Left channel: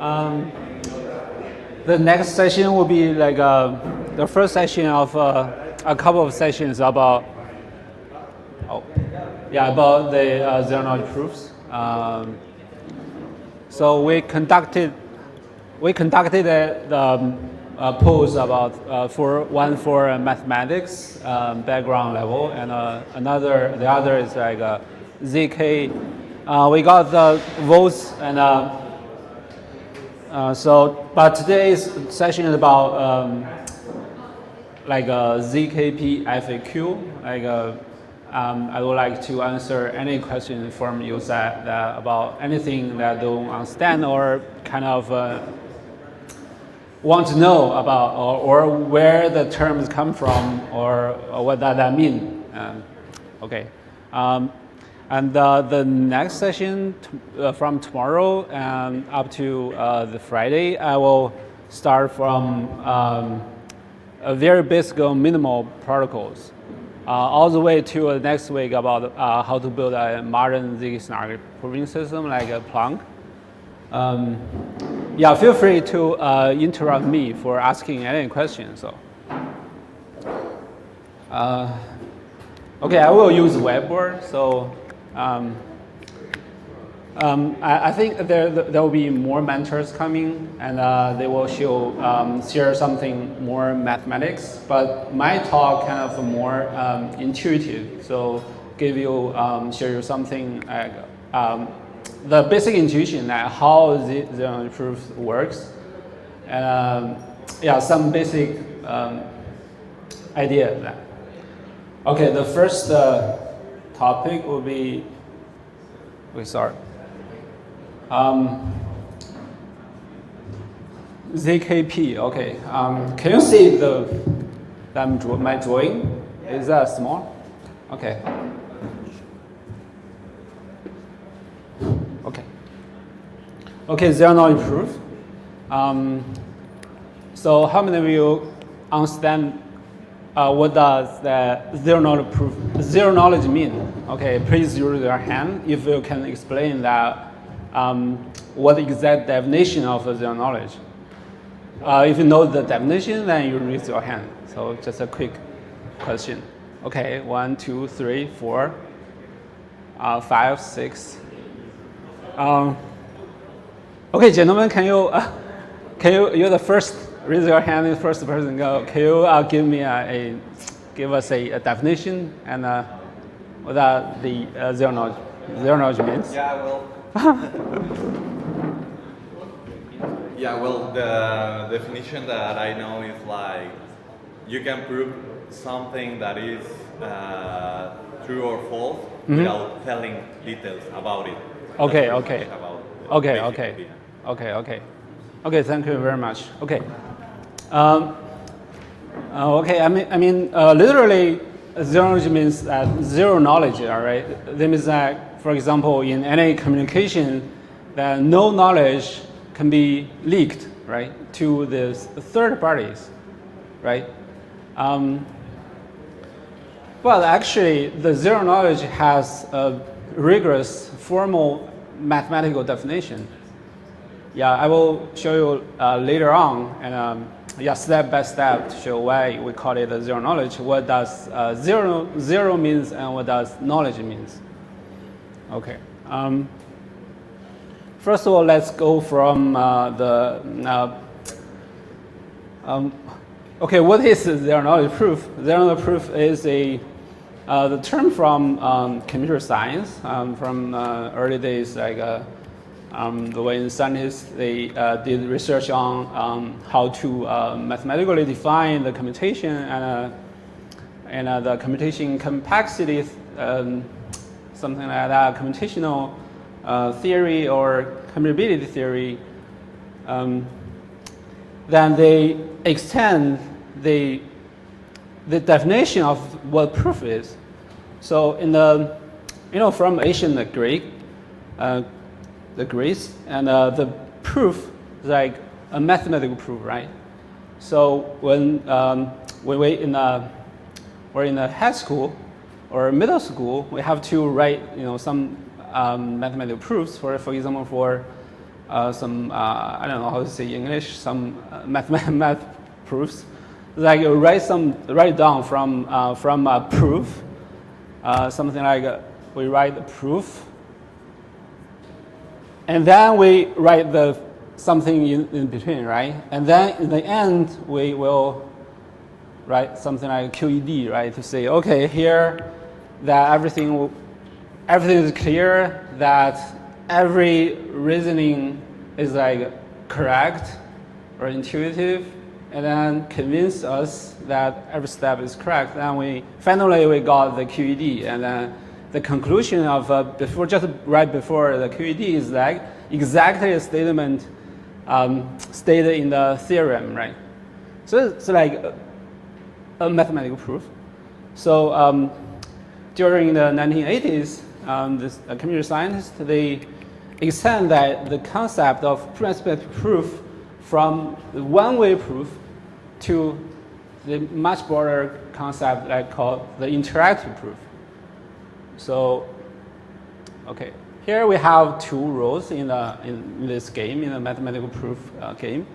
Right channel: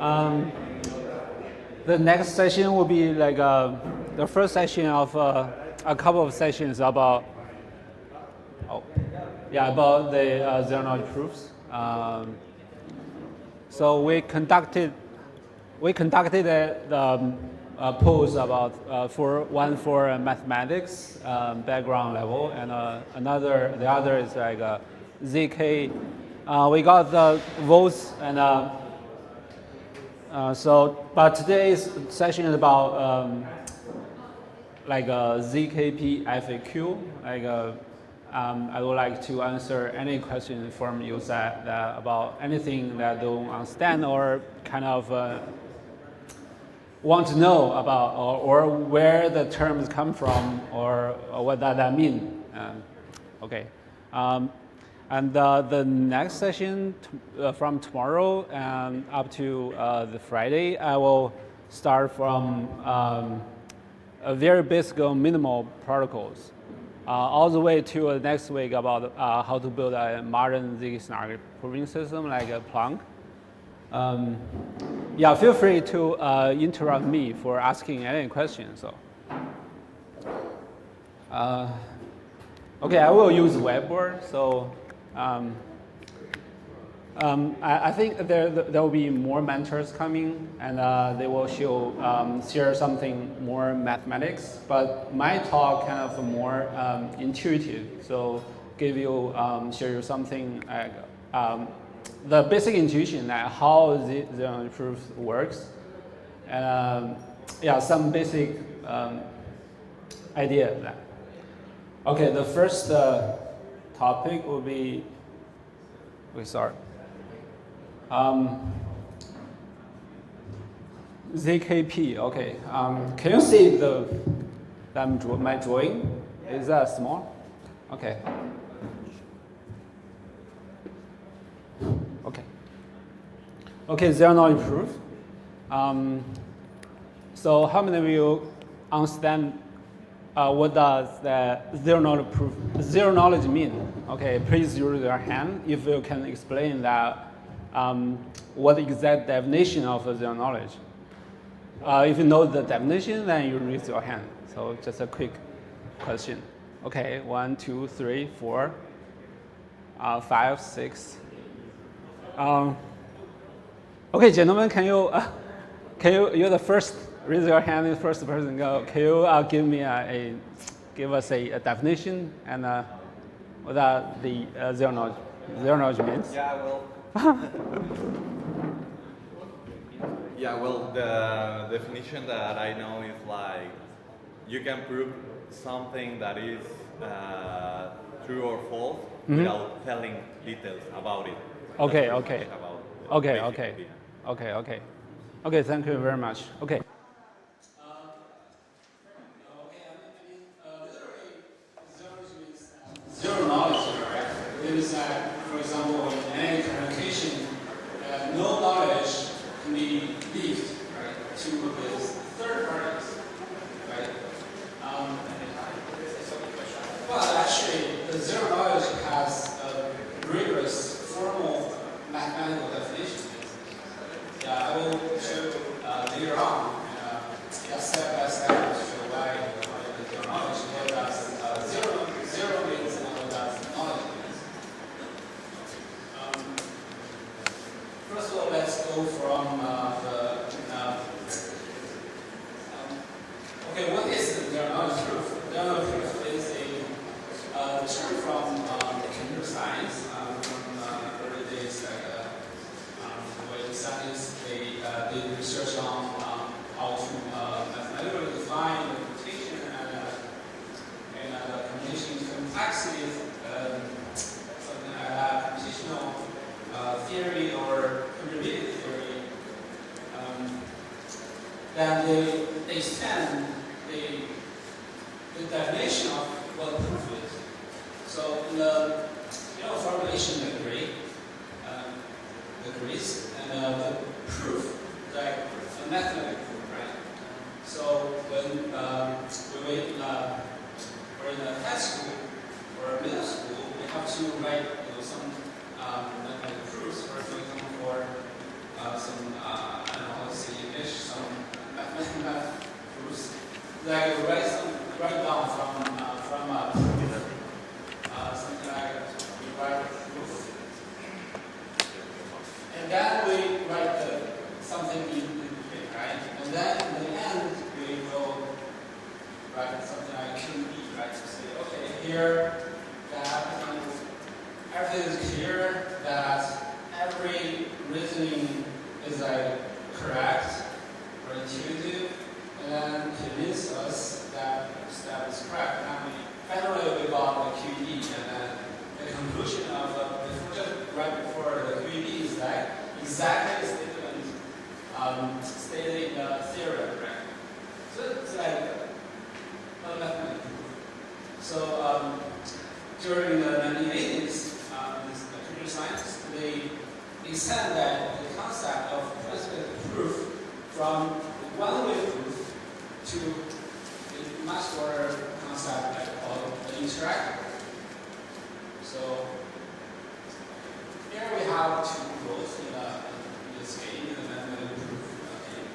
Um, the next session will be like the first session of a couple of sessions about about the zero knowledge proofs. So we conducted a polls about one for mathematics background level, and the other is like ZK. We got the votes, and but today's session is about like a ZKP FAQ. I would like to answer any question from you that about anything that don't understand or kind of want to know about, or where the terms come from, or what that mean. Okay. And the next session from tomorrow and up to the Friday, I will start from a very basic minimal protocols, all the way to next week about how to build a modern ZK-SNARK proving system like a Planck. Yeah, feel free to interrupt me for asking any questions. So, okay, I will use whiteboard. So, I think there will be more mentors coming, and they will share something more mathematics. But my talk kind of more intuitive. So, share you something like the basic intuition that how the zero knowledge proof works, and some basic idea of that. Okay, the first topic will be, we start. ZKP. Okay. Can you see my drawing? Is that small? Okay. Okay, zero knowledge proof. So how many of you understand what does the zero knowledge mean? Okay, please raise your hand if you can explain that. What the exact definition of zero knowledge? If you know the definition, then you raise your hand. So just a quick question. Okay, 1, 2, 3, 4, 5, 6. Okay, gentlemen, can you you're the first, raise your hand, the first person go. Can you give us a definition and what the zero knowledge means? Yeah, well. Yeah, well, the definition that I know is like you can prove something that is true or false without telling details about it. Okay. Okay, thank you very much. Okay. Okay, I mean, literally, zero knowledge means that zero knowledge, all right? That means that, for example, in any communication, that no knowledge can be leaked, right, to the third parties, right? But actually, the zero knowledge has a rigorous formal mathematical definition. Yeah, I will show you later on, and step by step to show why we call it a zero knowledge. What does zero means, and what does knowledge means? Okay. First of all, let's go from okay, what is zero knowledge proof? Zero knowledge proof is the term from computer science, from early days, like the way scientists they did research on how to mathematically define the computation and the computation complexity, something like that, computational theory or commutability theory. Then they extend the definition of what proof is. So in the, from ancient Greek, the Greeks, and the proof is like a mathematical proof, right? So when we're in a high school or middle school, we have to write, some mathematical proofs. For example, for some I don't know how to say in English, some math proofs. Like write down from a proof, something like we write a proof, and then we write something in between, right? And then in the end we will write something like QED, right? To say, okay, here that everything is clear, that every reasoning is like correct or intuitive, and then convince us that every step is correct. Then finally we got the QED, and then the conclusion of right before the QED is like exactly a statement stated in the theorem, right? So it's like a mathematical proof. So during the 1980s, this computer science, they extend the concept of proof from the one-way proof to the much broader concept called the interactive proof. So, okay, here we have two roles in this game, in a mathematical proof game.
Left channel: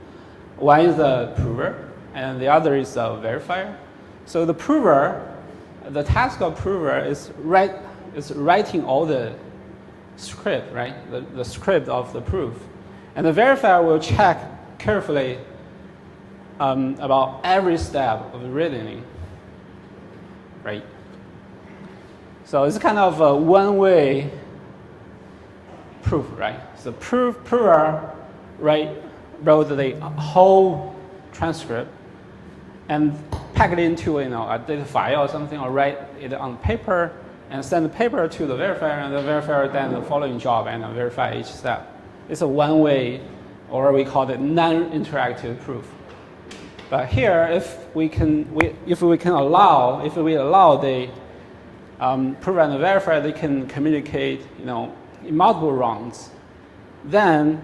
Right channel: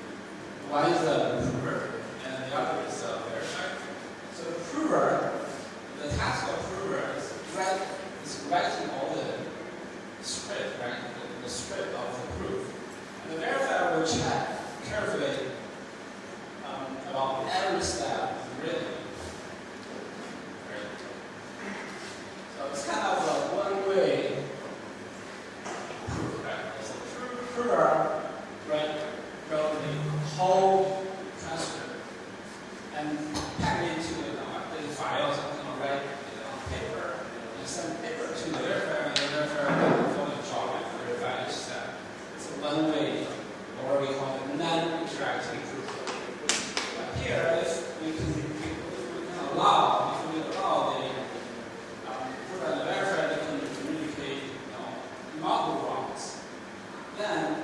One is a prover, and the other is a verifier. So the prover, the task of prover is writing all the script, right? The script of the proof. And the verifier will check carefully about every step of the reasoning, right? So it's kind of a one-way proof, right? The prover wrote the whole transcript and pack it into a data file or something, or write it on paper and send the paper to the verifier, and the verifier then the following job and verify each step. It's a one-way, or we call it non-interactive proof. But here, if we allow the prover and the verifier, they can communicate, in multiple rounds. Then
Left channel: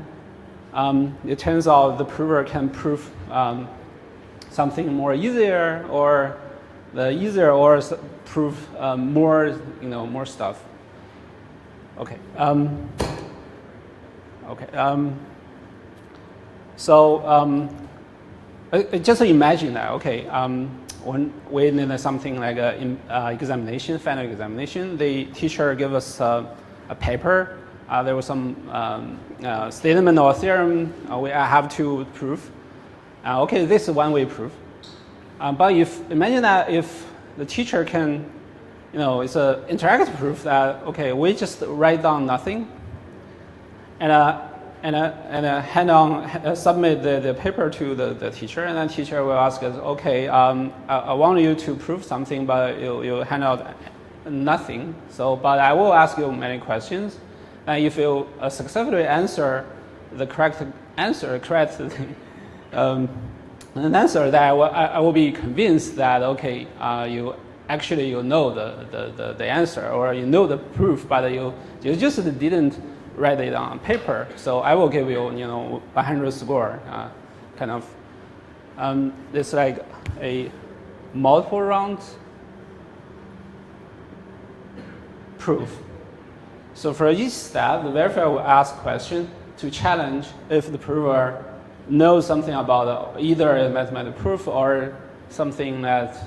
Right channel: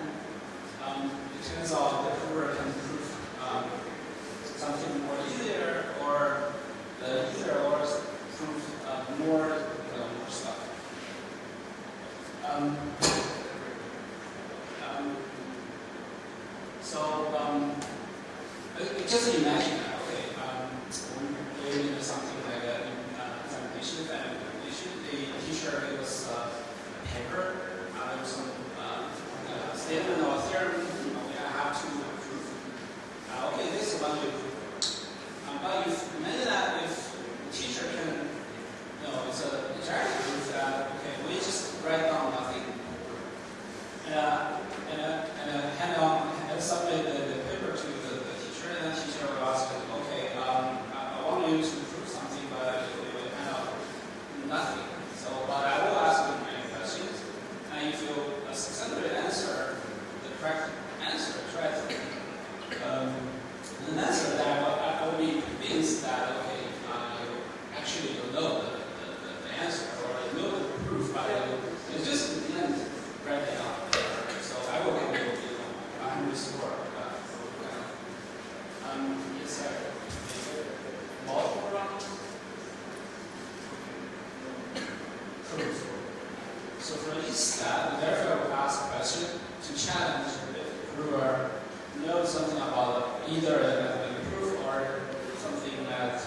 it turns out the prover can prove something more easier, or prove more stuff. Okay. Just imagine that. Okay. When we did something like an examination, final examination, the teacher gave us a paper. There was some statement or theorem I have to prove. Okay, this is one-way proof. But imagine that if the teacher can, it's an interactive proof that, okay, we just write down nothing and submit the paper to the teacher, and then teacher will ask us, okay, I want you to prove something, but you hand out nothing. But I will ask you many questions, and if you successfully answer the correct answer, an answer that I will be convinced that, okay, you know the answer, or you know the proof, but you just didn't write it on paper. So I will give you 100 score, kind of. It's like a multiple round proof. So for each step, the verifier will ask questions to challenge if the prover knows something about either a mathematical proof or something that's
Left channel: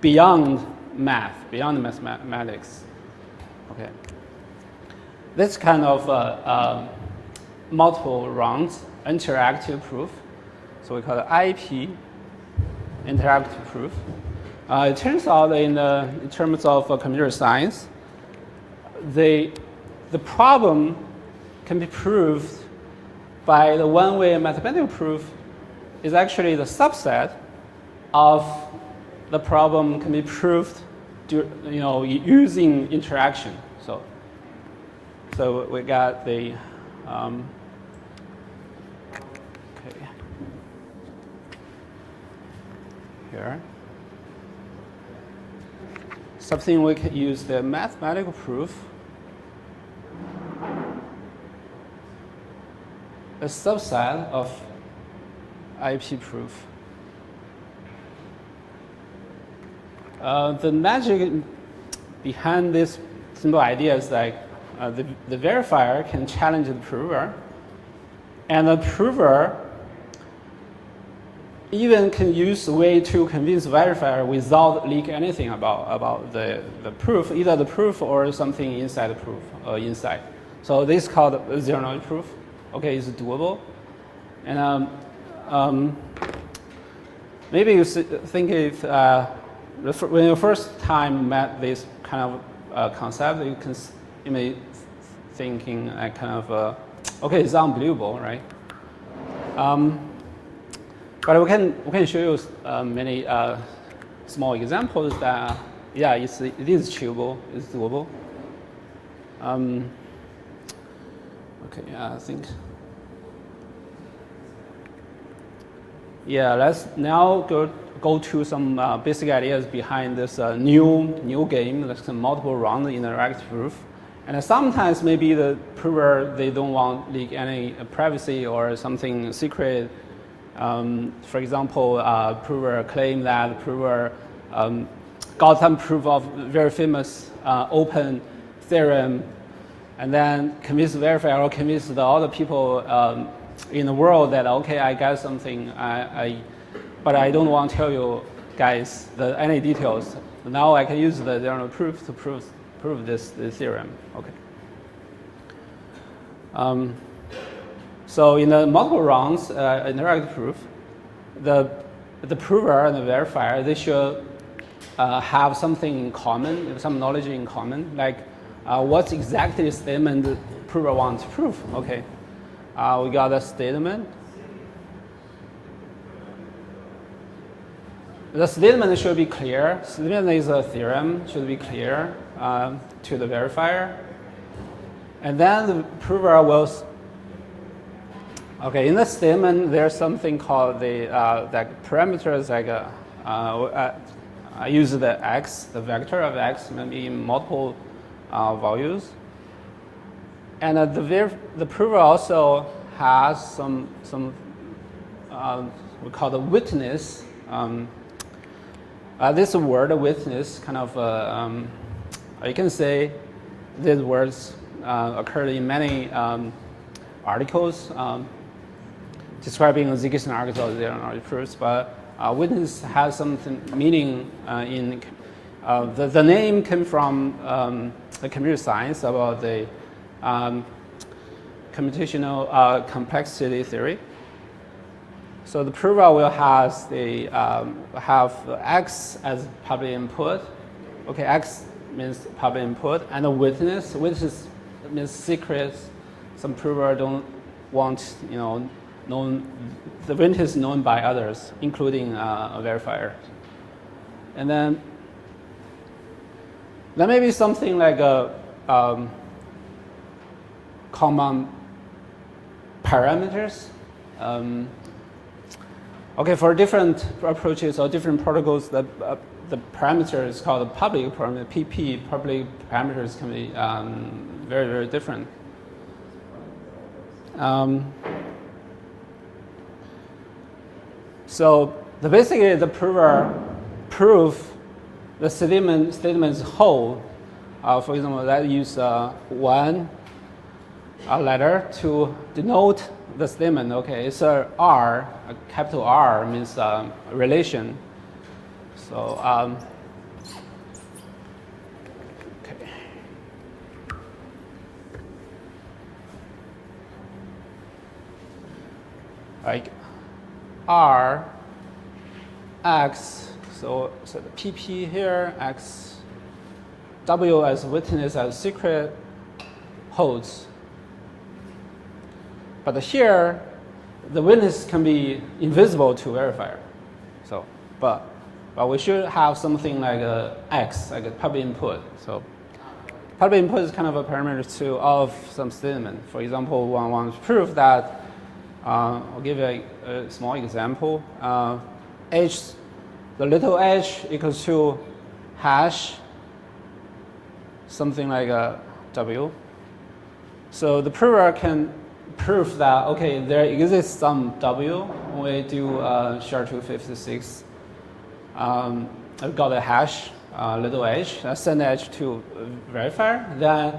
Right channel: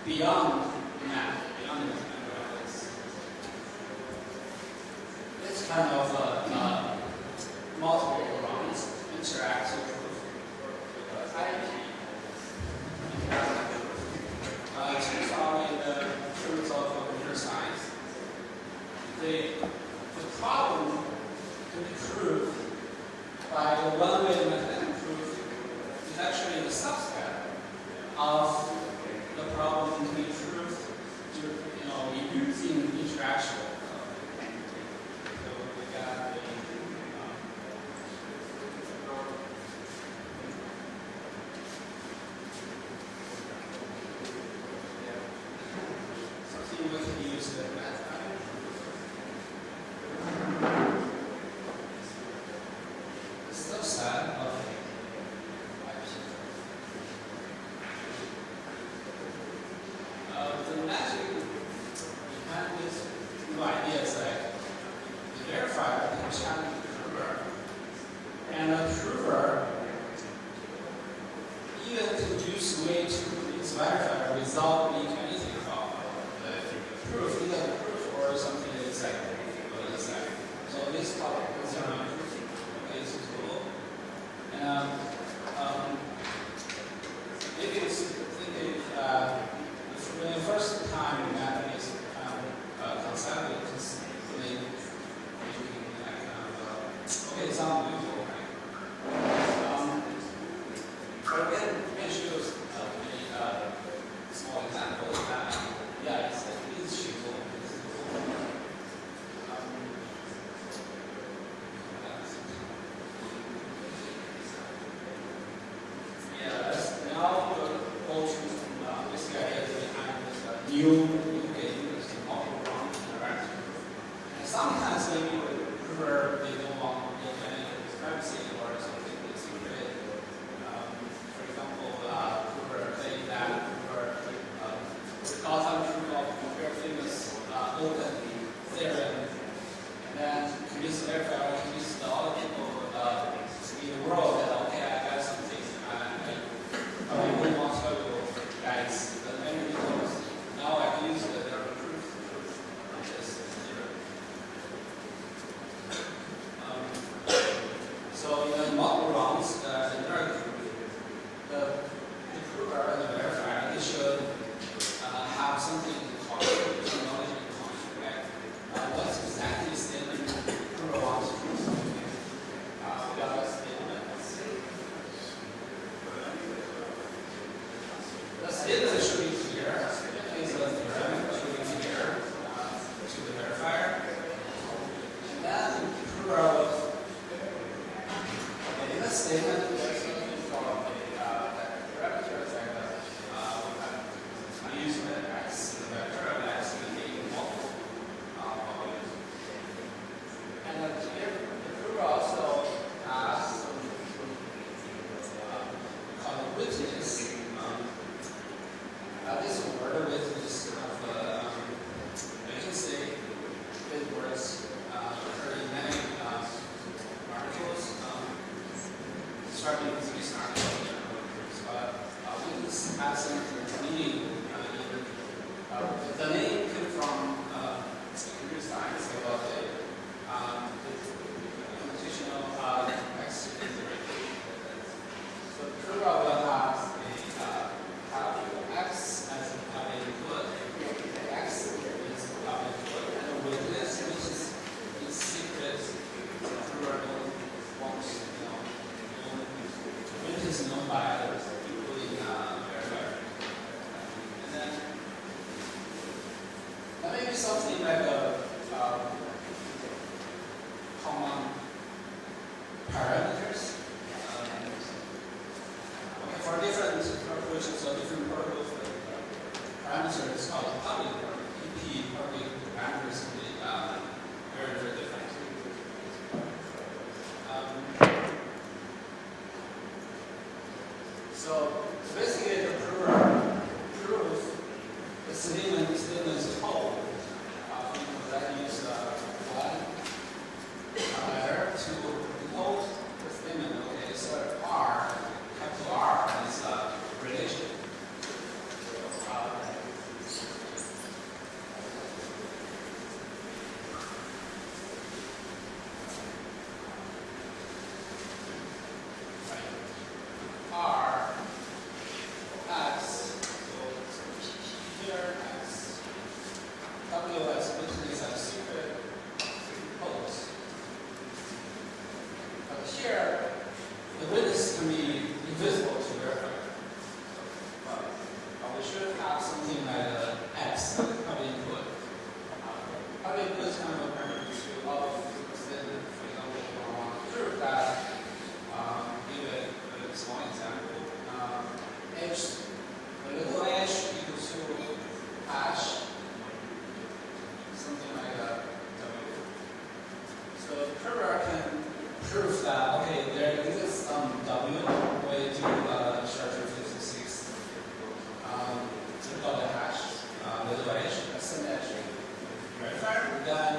beyond math, beyond mathematics. Okay. This kind of multiple rounds interactive proof, so we call it IP, interactive proof. It turns out in terms of computer science, the problem can be proved by the one-way mathematical proof is actually the subset of the problem can be proved using interaction. So we got the here. Something we could use the mathematical proof. A subset of IP proof. The magic behind this simple idea is like the verifier can challenge the prover And the prover even can use a way to convince verifier without leak anything about the proof, either the proof or something inside the proof or inside. So this is called zero-knowledge proof. Okay, it's doable. And maybe you think if when you first time met this kind of concept, you may thinking kind of okay, it's unbelievable, right? But we can show you many small examples that yeah, it is achievable, it's doable. Okay, I think. Yeah, let's now go to some basic ideas behind this new game, like some multiple round interactive proof. And sometimes maybe the prover, they don't want leak any privacy or something secret. For example, prover claim that prover got some proof of very famous open theorem, and then convince the verifier or convince the other people in the world that okay, I got something, but I don't want to tell you guys any details. Now I can use the zero proof to prove this theorem. Okay. So in the multiple rounds interactive proof, the prover and the verifier, they should have something in common, some knowledge in common, like what exactly statement the prover wants to prove. Okay, we got a statement. The statement should be clear. Statement is a theorem, should be clear to the verifier. And then the prover will, okay, in the statement, there's something called the like parameters, like I use the x, the vector of x, maybe in multiple values. And the prover also has some we call the witness. This word witness kind of you can say these words occurred in many articles describing ZK-SNARK or zero-knowledge proofs, but witness has some meaning in the name came from the computer science about the computational complexity theory. So the prover will have x as public input. Okay, x means public input, and a witness. Witness means secret. Some prover don't want known. The witness is known by others, including a verifier. And then there may be something like a common parameters. Okay, for different approaches or different protocols, the parameter is called the public parameter, PP. Public parameters can be very, very different. So basically, the prover prove the statement's whole. For example, let's use one letter to denote the statement. Okay, it's a R, a capital R means relation. So okay. Like R, X, so PP here, X, W as witness as secret holds. But here, the witness can be invisible to verifier. So, but we should have something like X, like a public input. So, public input is kind of a parameter to of some statement. For example, one wants to prove that. I'll give you a small example. H, the little h equals to hash, something like a W. So the prover can prove that, okay, there exists some W when we do SHA-256. I've got a hash, little h, send h to verifier. Then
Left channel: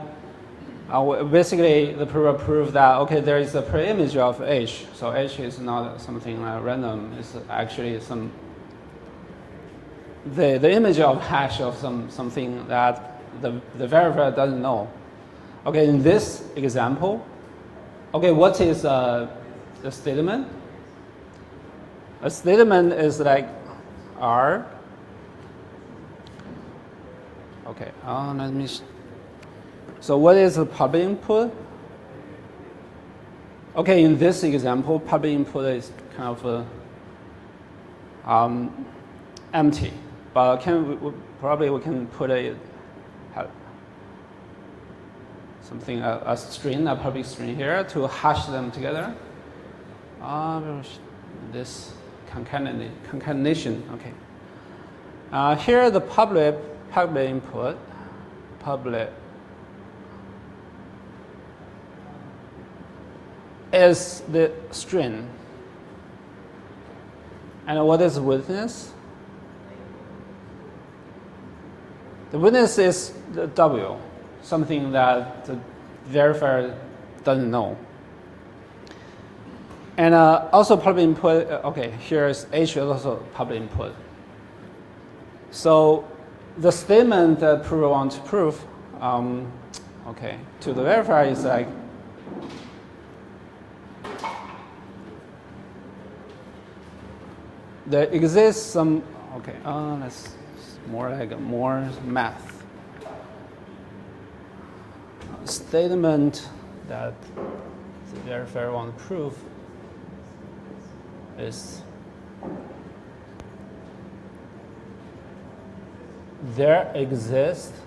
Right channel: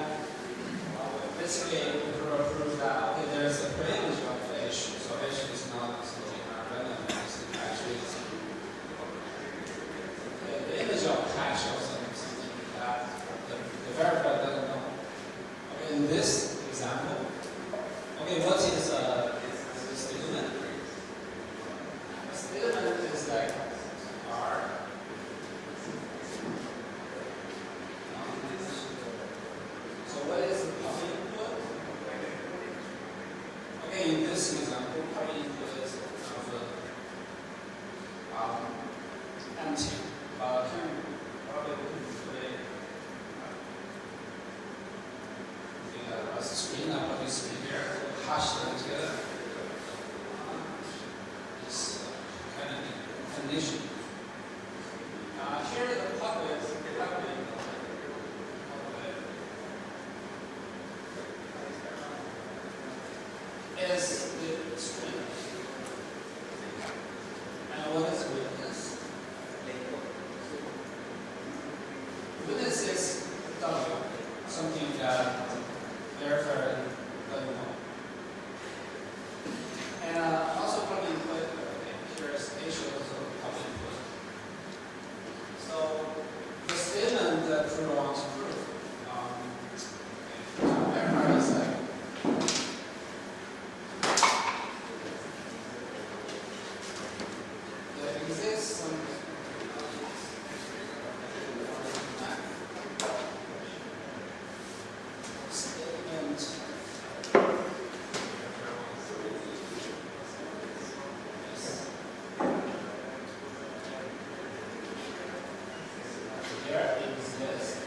basically the prover proved that okay, there is a preimage of H, so H is not something random. It's actually some the image of hash of something that the verifier doesn't know. Okay, in this example, okay, what is the statement? A statement is like R. Okay, let me. So what is the pub input? Okay, in this example, pub input is kind of empty, but probably we can put something a string, a public string here to hash them together. This concatenation. Okay. Here the public input, public is the string. And what is witness? The witness is the W, something that the verifier doesn't know. And also public input, okay, here's H is also public input. So the statement that prover wants to prove, okay, to the verifier is like, there exists some, okay, that's more like more math. Statement that verifier wants to prove is there exists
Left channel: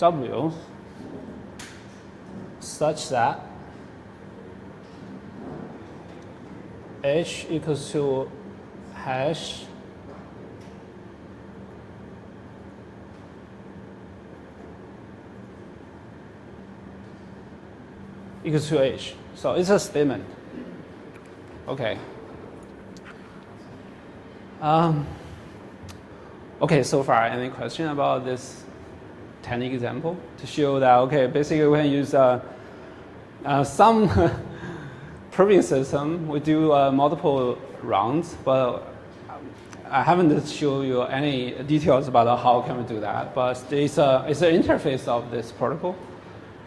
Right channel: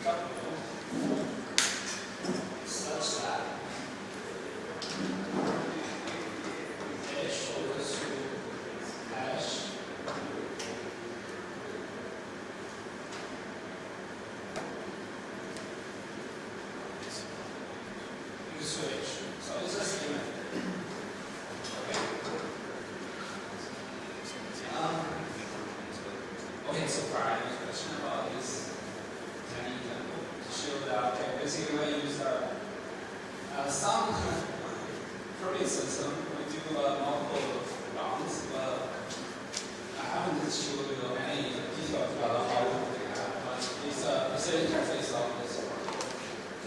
W such that H equals to hash equals to H. So it's a statement. Okay. Okay, so far, any question about this tiny example to show that, okay, basically we can use some proving system. We do multiple rounds, but I haven't shown you any details about how can we do that. But it's an interface of this protocol.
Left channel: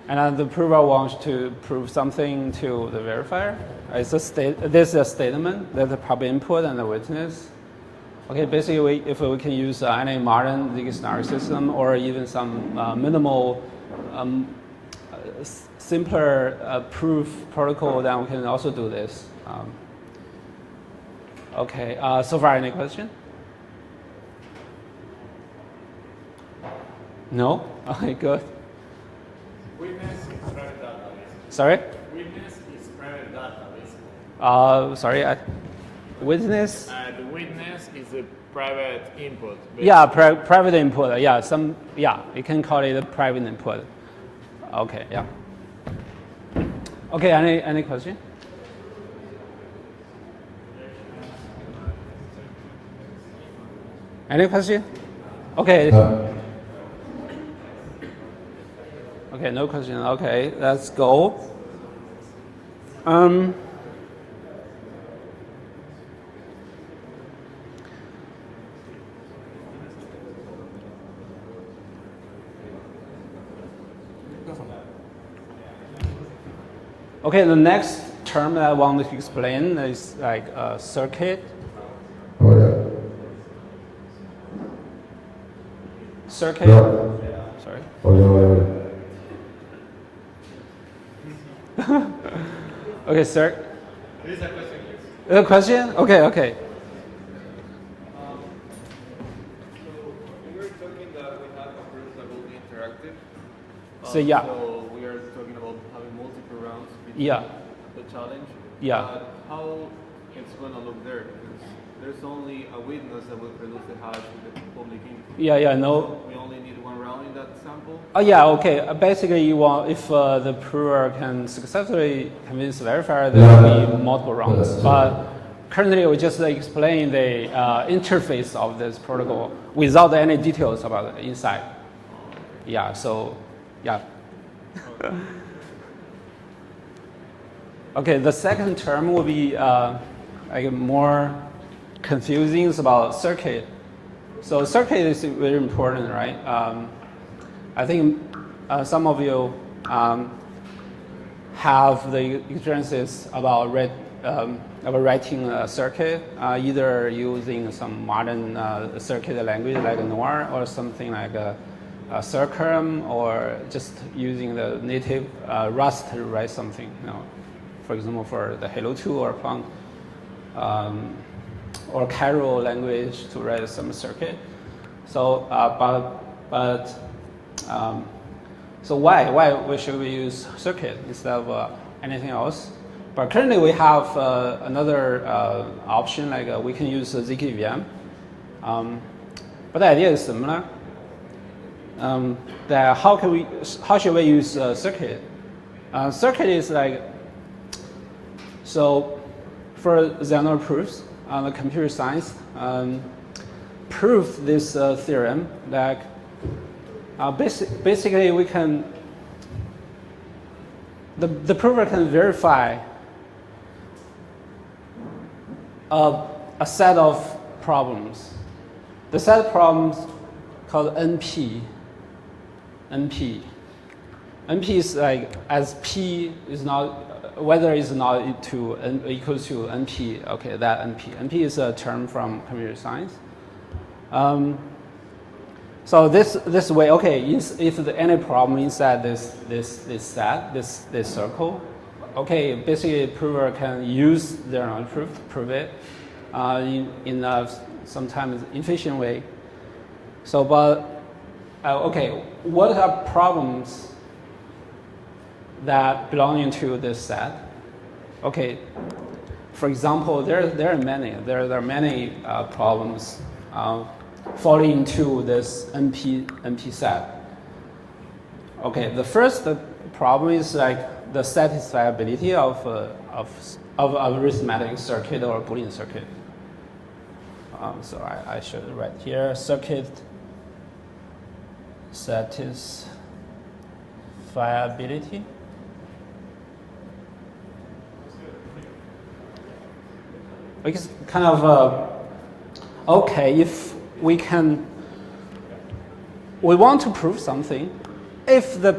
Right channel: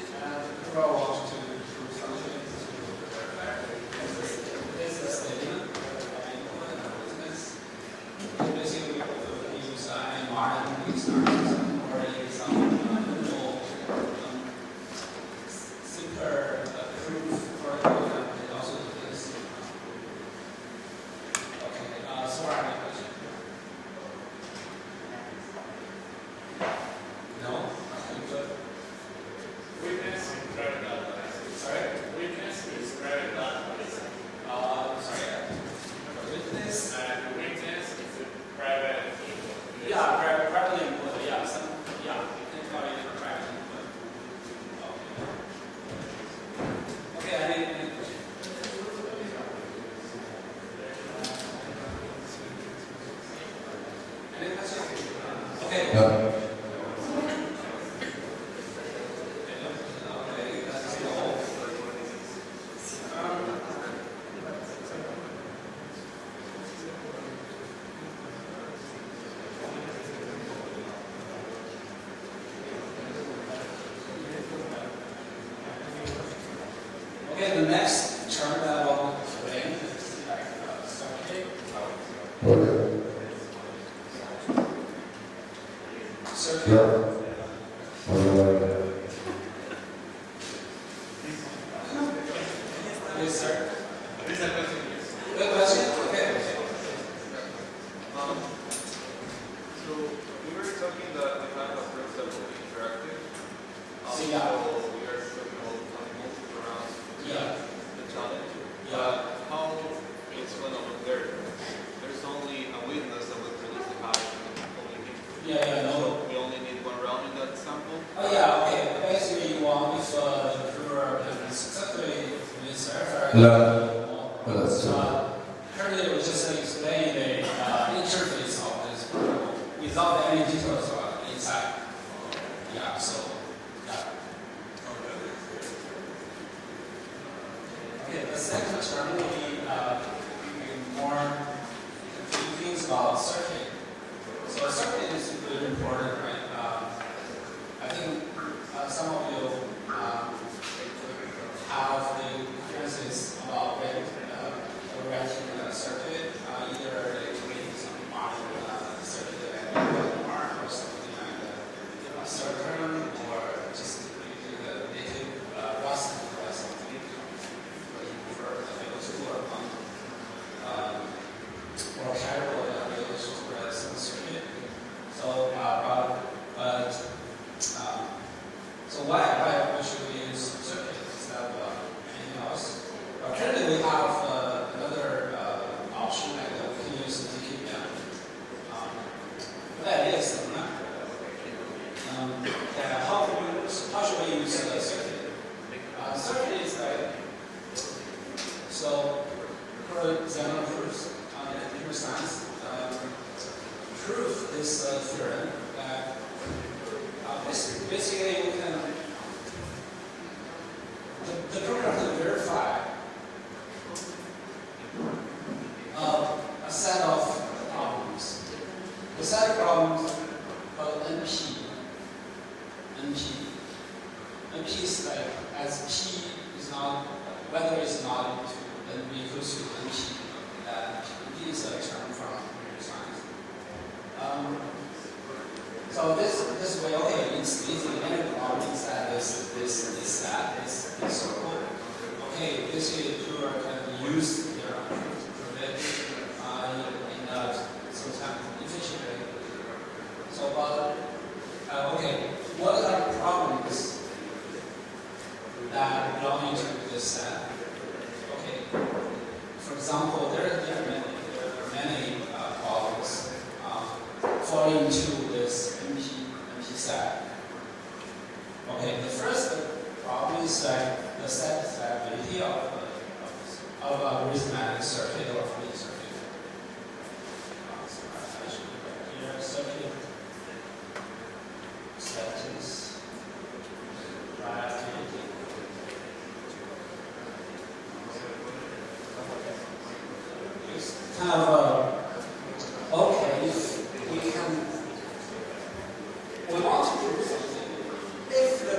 And the prover wants to prove something to the verifier. This is a statement. There's a public input and a witness. Okay, basically, if we can use any modern ZK-SNARK system or even some minimal, simpler proof protocol, then we can also do this. Okay, so far, any question? No? Okay, good. Witness is private database. Sorry? Witness is private database. Sorry, witness? And witness is a private input. Yeah, private input. Yeah, you can call it a private input. Okay, yeah. Okay, any question? Any question? Okay. Okay, no question. Okay, let's go. Okay, the next term that I want to explain is like a circuit. Circuit. Sorry. Okay, sir. A question? Okay. So we were talking that the kind of groups that will be interactive. So yeah. So we are talking about having multiple rounds. Yeah. The challenge. Yeah. How it's going to look there? There's only a witness that will produce the hash and the public input. Yeah, no. So we only need one round in that sample. Oh yeah, okay. Basically, you want if the prover can successfully convince the verifier, there will be multiple rounds. But currently we just explain the interface of this protocol without any details about the inside. Yeah, so, yeah. Okay, the second term will be like more confusing about circuit. So circuit is very important, right? I think some of you have the experiences about writing a circuit, either using some modern circuit language like NOR or something like a Circum, or just using the native Rust to write something, you know, for example, for the Hello 2 or Fun, or Carol language to write some circuit. So, so why should we use circuit instead of anything else? But currently we have another option, like we can use ZK-VM. But the idea is similar. That how should we use circuit? Circuit is like, so for general proofs on the computer science, prove this theorem that basically we can, the prover can verify a set of problems. The set of problems called NP. NP is like, as P is not, whether it's not equals to NP, okay, that NP. NP is a term from computer science. So this way, okay, if there's any problem inside this set, this circle, okay, basically the prover can use their own proof to prove it in a sometimes efficient way. So, but okay, what are problems that belonging to this set? Okay, for example, there are many problems falling into this NP set. Okay, the first problem is like the satisfiability of arithmetic circuit or Boolean circuit. So I should write here circuit satisfiability. It's kind of okay, if we want to prove something, if the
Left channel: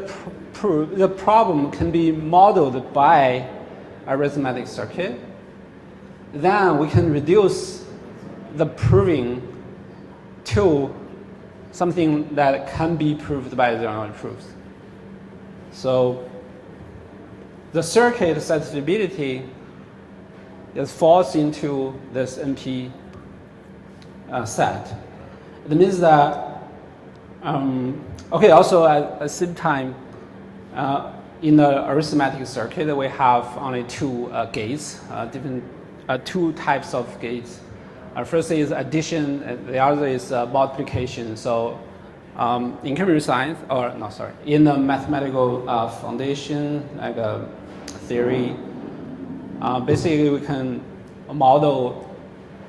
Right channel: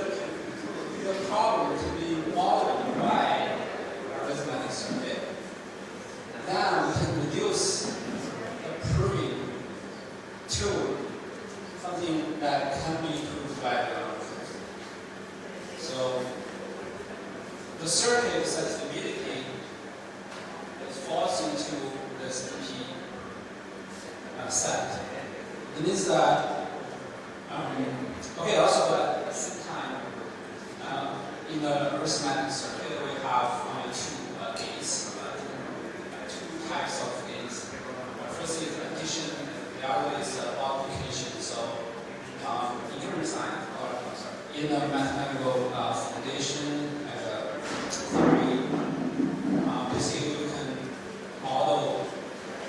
problem can be modeled by arithmetic circuit, then we can reduce the proving to something that can be proved by general proofs. So the circuit satisfiability falls into this NP set. That means that, okay, also at the same time, in the arithmetic circuit, we have only two gates, two types of gates. First is addition, and the other is multiplication. So in computer science, or no, sorry, in the mathematical foundation, like a theory, basically we can model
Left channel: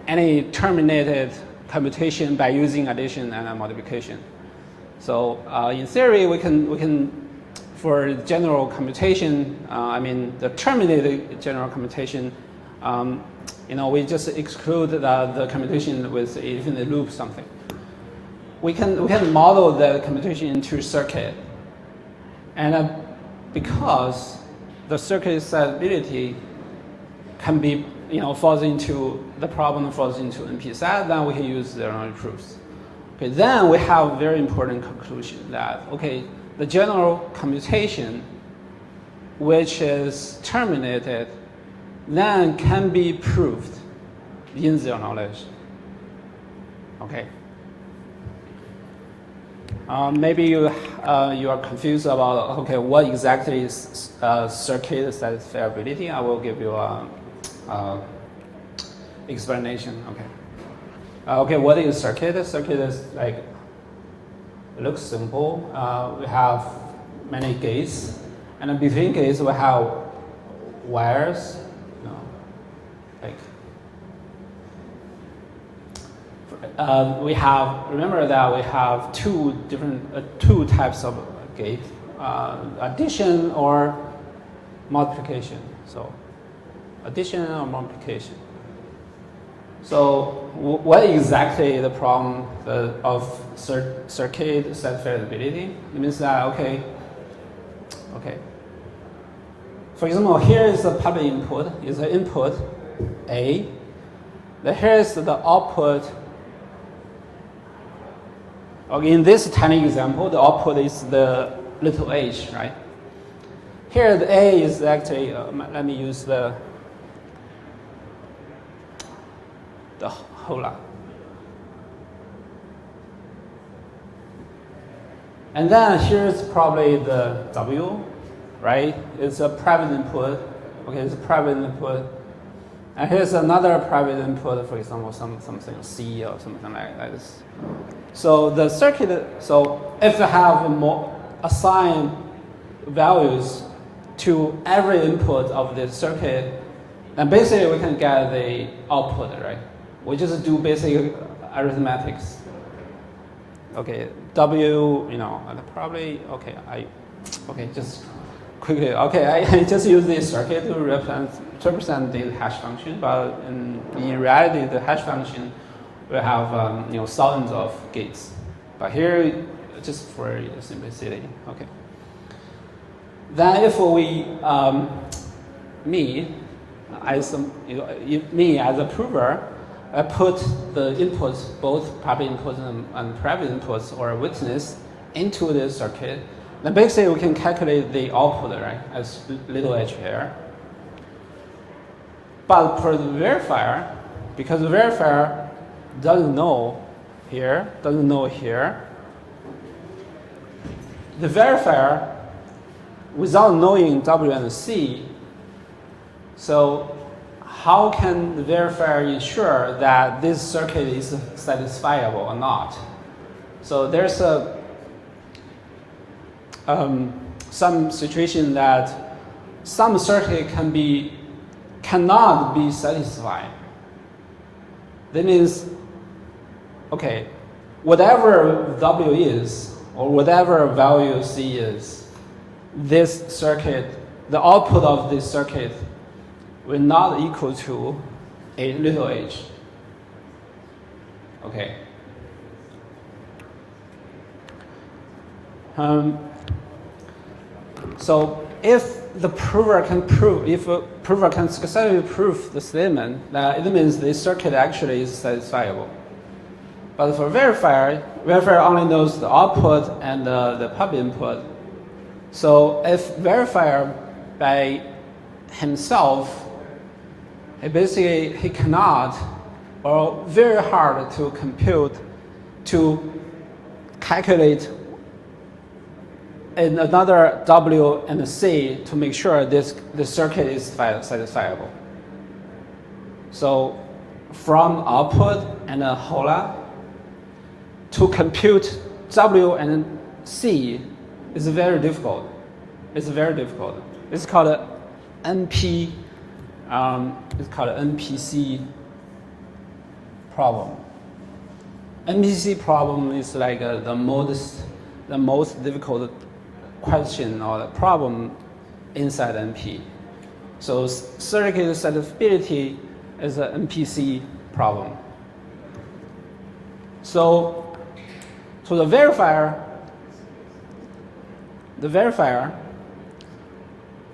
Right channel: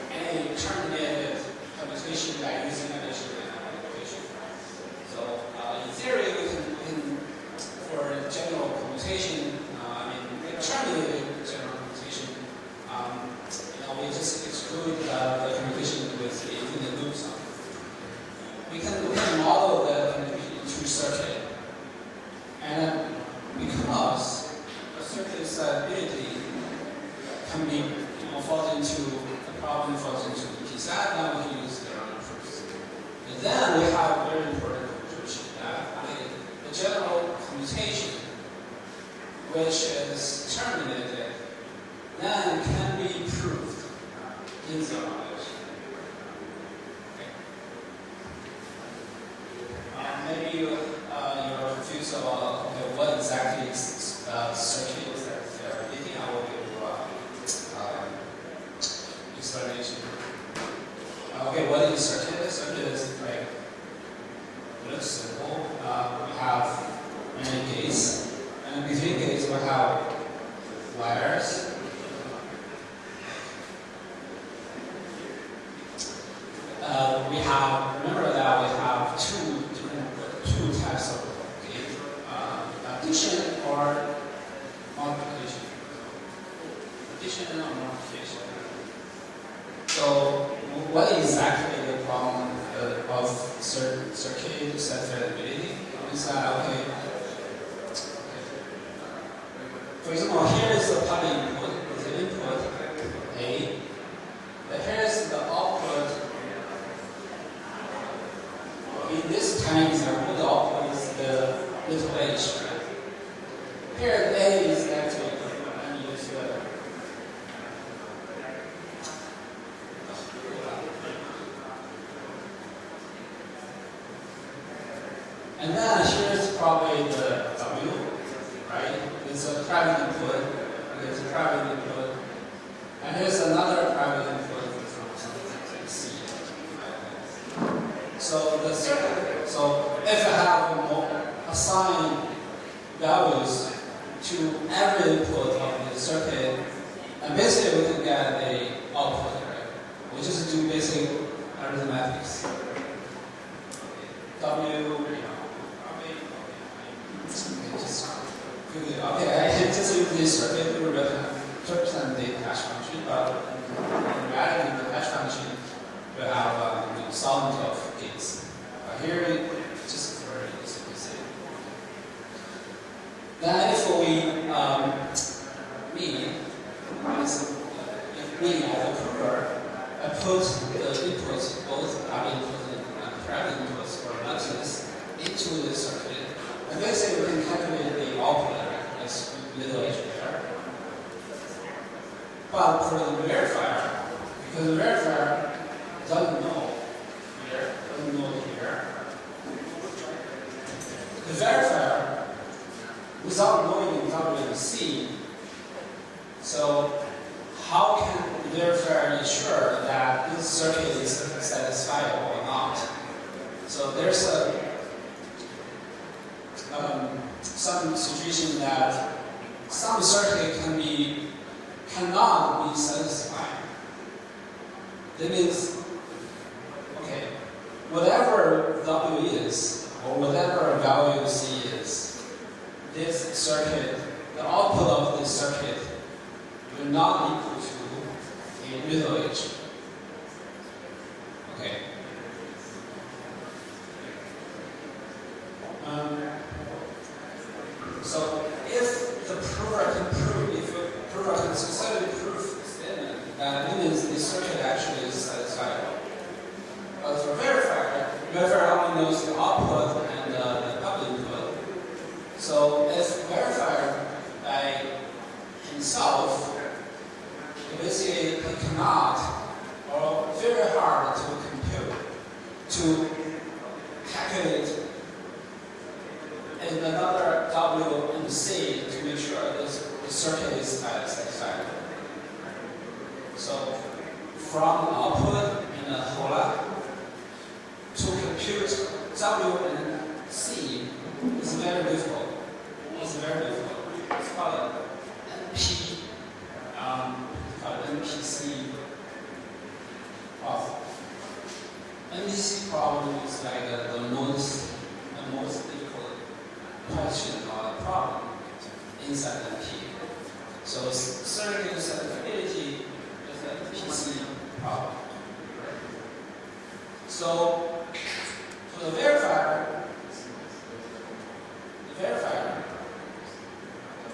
any terminated computation by using addition and multiplication. So in theory, we can for general computation, I mean the terminated general computation, we just exclude the computation with infinite loop something. We can model the computation into circuit, and because the circuit satisfiability can be, falls into the problem falls into NP set, then we can use their own proofs. Okay, then we have a very important conclusion that the general computation, which is terminated, then can be proved in zero knowledge. Okay. Maybe you are confused about what exactly is circuit satisfiability. I will give you a explanation. Okay, what is circuit? Circuit is like, looks simple. We have many gates, and between gates we have wires. we have, remember that we have two types of gate, addition or multiplication. So addition or multiplication. So what exactly is the problem of circuit satisfiability? It means that, okay. For example, here is the public input, is the input A. Then here is the output. Okay, in this tiny example, the output is the little h, right? Here the A is actually, let me use the whole lot. And then here is probably the W, right? It's a private input. Okay, it's a private input. And here's another private input, for example, something C or something like this. So the circuit, so if you have more assigned values to every input of the circuit, then basically we can get the output, right? We just do basic arithmetics. Okay, W, probably, just quickly, I just use this circuit to represent the hash function, but in reality, the hash function will have thousands of gates. But here, just for simplicity. Okay. Then if me as a prover, I put the inputs, both public inputs and private inputs or witness into the circuit, then basically we can calculate the output, right, as little h there. But for the verifier, because the verifier doesn't know here, the verifier, without knowing W and C, so how can the verifier ensure that this circuit is satisfiable or not? So there's some situation that some circuit cannot be satisfied. That means, okay, whatever W is, or whatever value C is, this circuit, the output of this circuit will not equal to a little h. Okay. So if the prover can successfully prove the statement, that it means the circuit actually is satisfiable. But for verifier only knows the output and the public input. So if verifier by himself, basically he cannot, or very hard to compute, to calculate another W and C to make sure the circuit is satisfiable. So from output and a whole lot to compute W and C is very difficult. It's called NP. It's called NPC problem. NPC problem is like the most difficult question or problem inside NP. So circuit satisfiability is an NPC problem. So to the verifier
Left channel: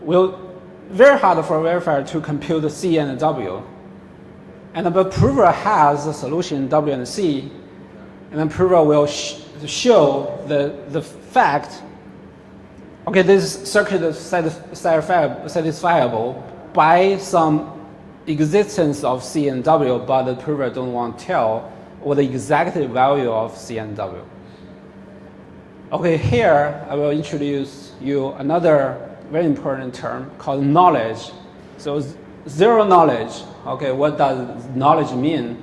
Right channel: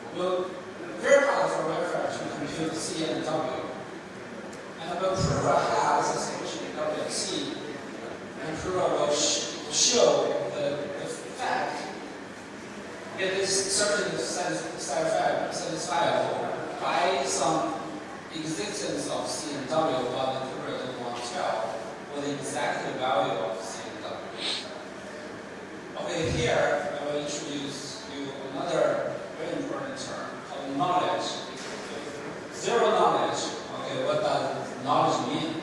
will very hard for a verifier to compute the C and W. And the prover has the solution W and C, and the prover will show the fact, okay, this circuit is satisfiable by some existence of C and W, but the prover don't want to tell what the exact value of C and W. Okay, here I will introduce you another very important term called knowledge. So zero knowledge. Okay, what does knowledge mean?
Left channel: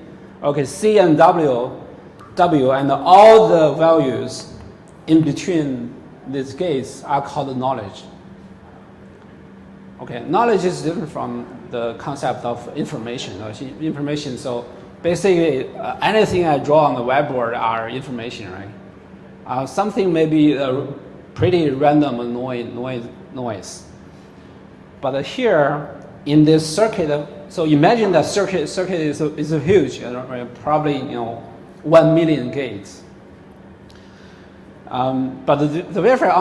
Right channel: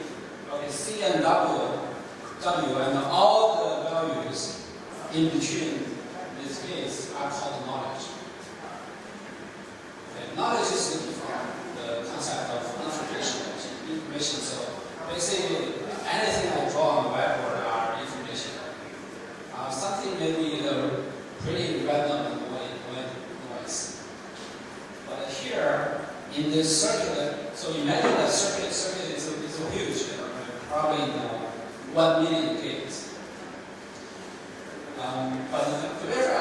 Okay, C and W and all the values in between these gates are called knowledge. Okay, knowledge is different from the concept of information. So basically anything I draw on the whiteboard are information, right? Something may be a pretty random noise. But here in this circuit, so imagine that circuit is huge, probably 1 million gates. But the verifier